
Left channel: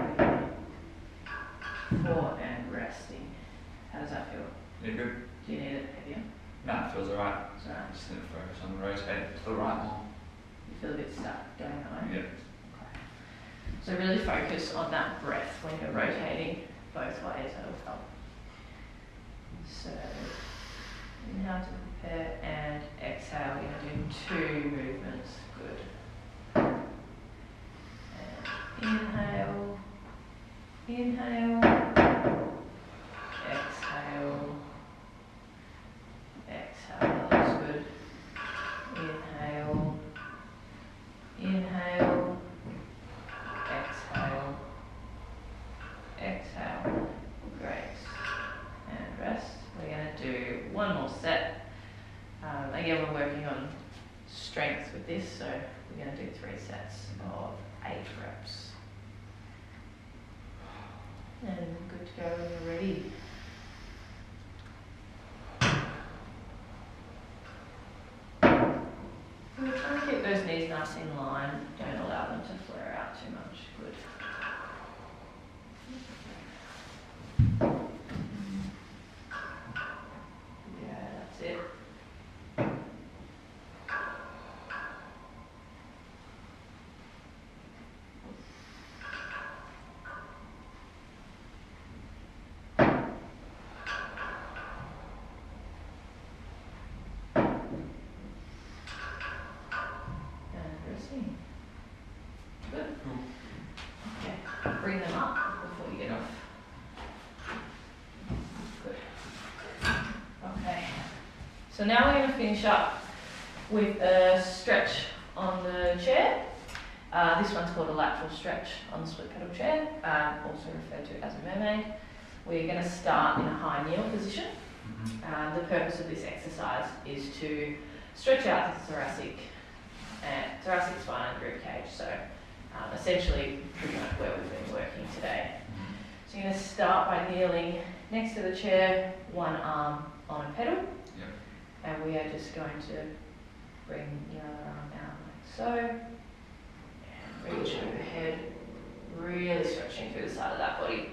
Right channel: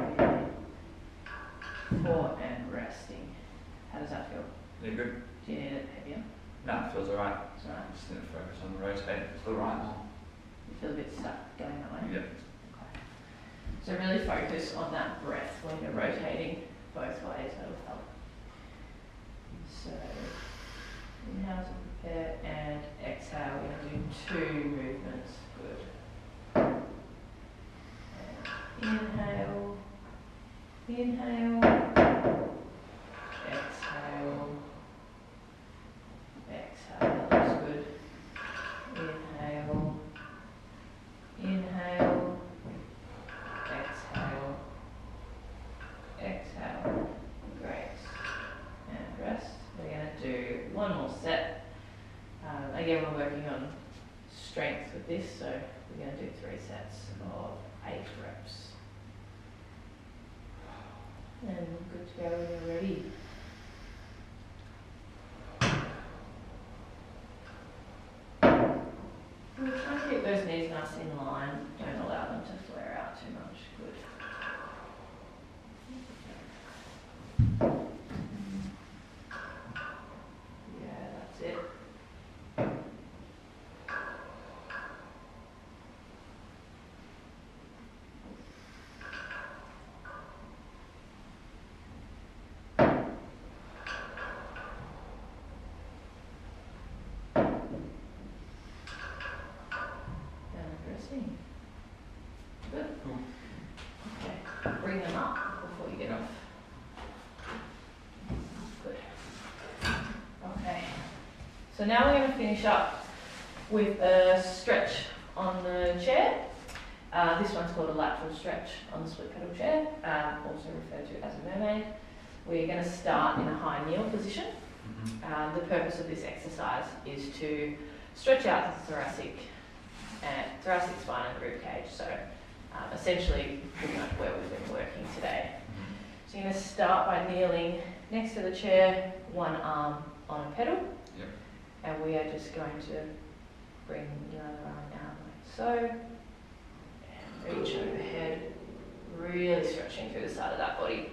4, and resting. How does that feel? Yeah, good. Do you need it heavier? No, it feels alright. It's alright. Just need to focus on rotating to the right more. You feel a bit stuck going that way? Yeah. Okay. So really focus on that breath when you're rotating both ways, that will help. So inhale to prepare and exhale. You're going to do 2 movements. Good. And inhale, inhale, exhale, exhale. That looks good. Inhale, inhale, exhale, exhale. Great. And rest. We're going to do 1 more set. strength with this, so we're going to do 3 sets of 8 reps. And we're good to go when you're ready. We're trying to keep those knees nice in line. Don't allow them to flare out too much. Good. Yeah, that's it. Good. Cool. Okay, bring them up before you get off. Good. Okay, so now we're going to finish up with a stretch on the chair. This one's called a lateral stretch on the split pedal chair, also referred to as a mermaid. We're going to start in a high kneel position. The purpose of this exercise is to stretch out the thoracic spine and the rib cage. So essentially pretty much where we've been working today. So you're going to start by kneeling next to the chair, one arm on a pedal. Yep. And we are just going to bring your other arm out like so. And reach overhead, really stretching through the side of that body.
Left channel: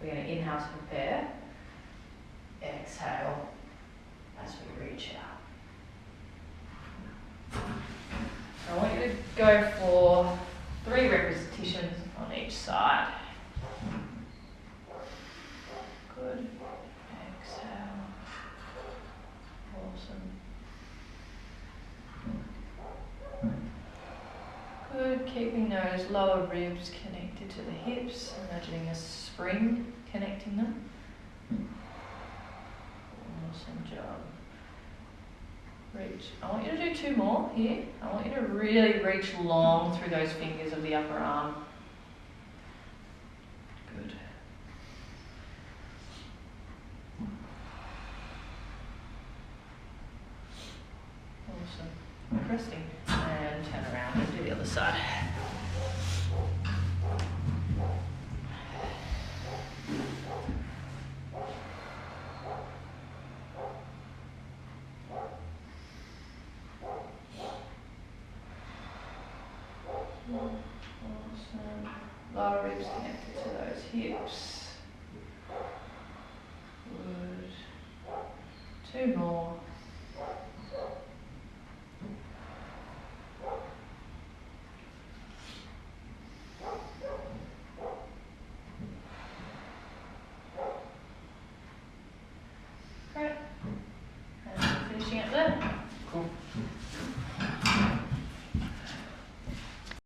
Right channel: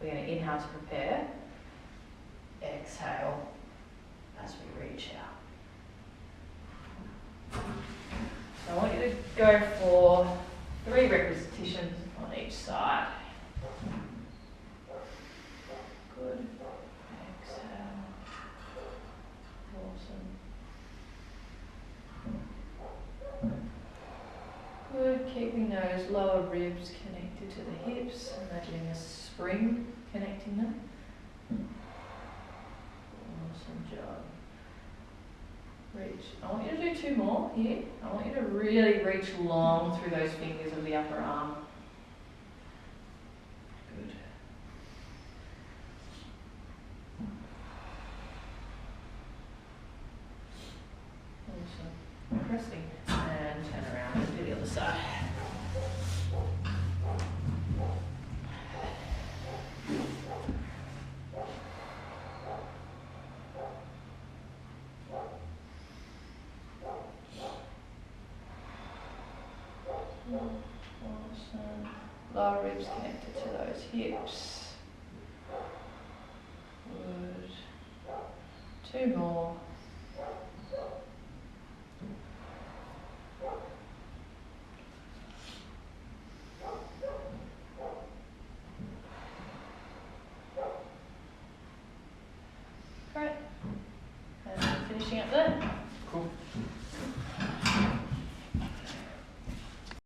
We're going to inhale to prepare. Exhale as we reach out. So I want you to go for 3 repetitions on each side. Good. Exhale. Awesome. Good. Keeping those lower ribs connected to the hips, imagining a spring connecting them. Awesome job. Reach. I want you to do 2 more here. I want you to really reach long through those fingers of the upper arm. Good. Awesome. Interesting. And turn around and do the other side. Awesome. Lower ribs connected to those hips. Good. 2 more.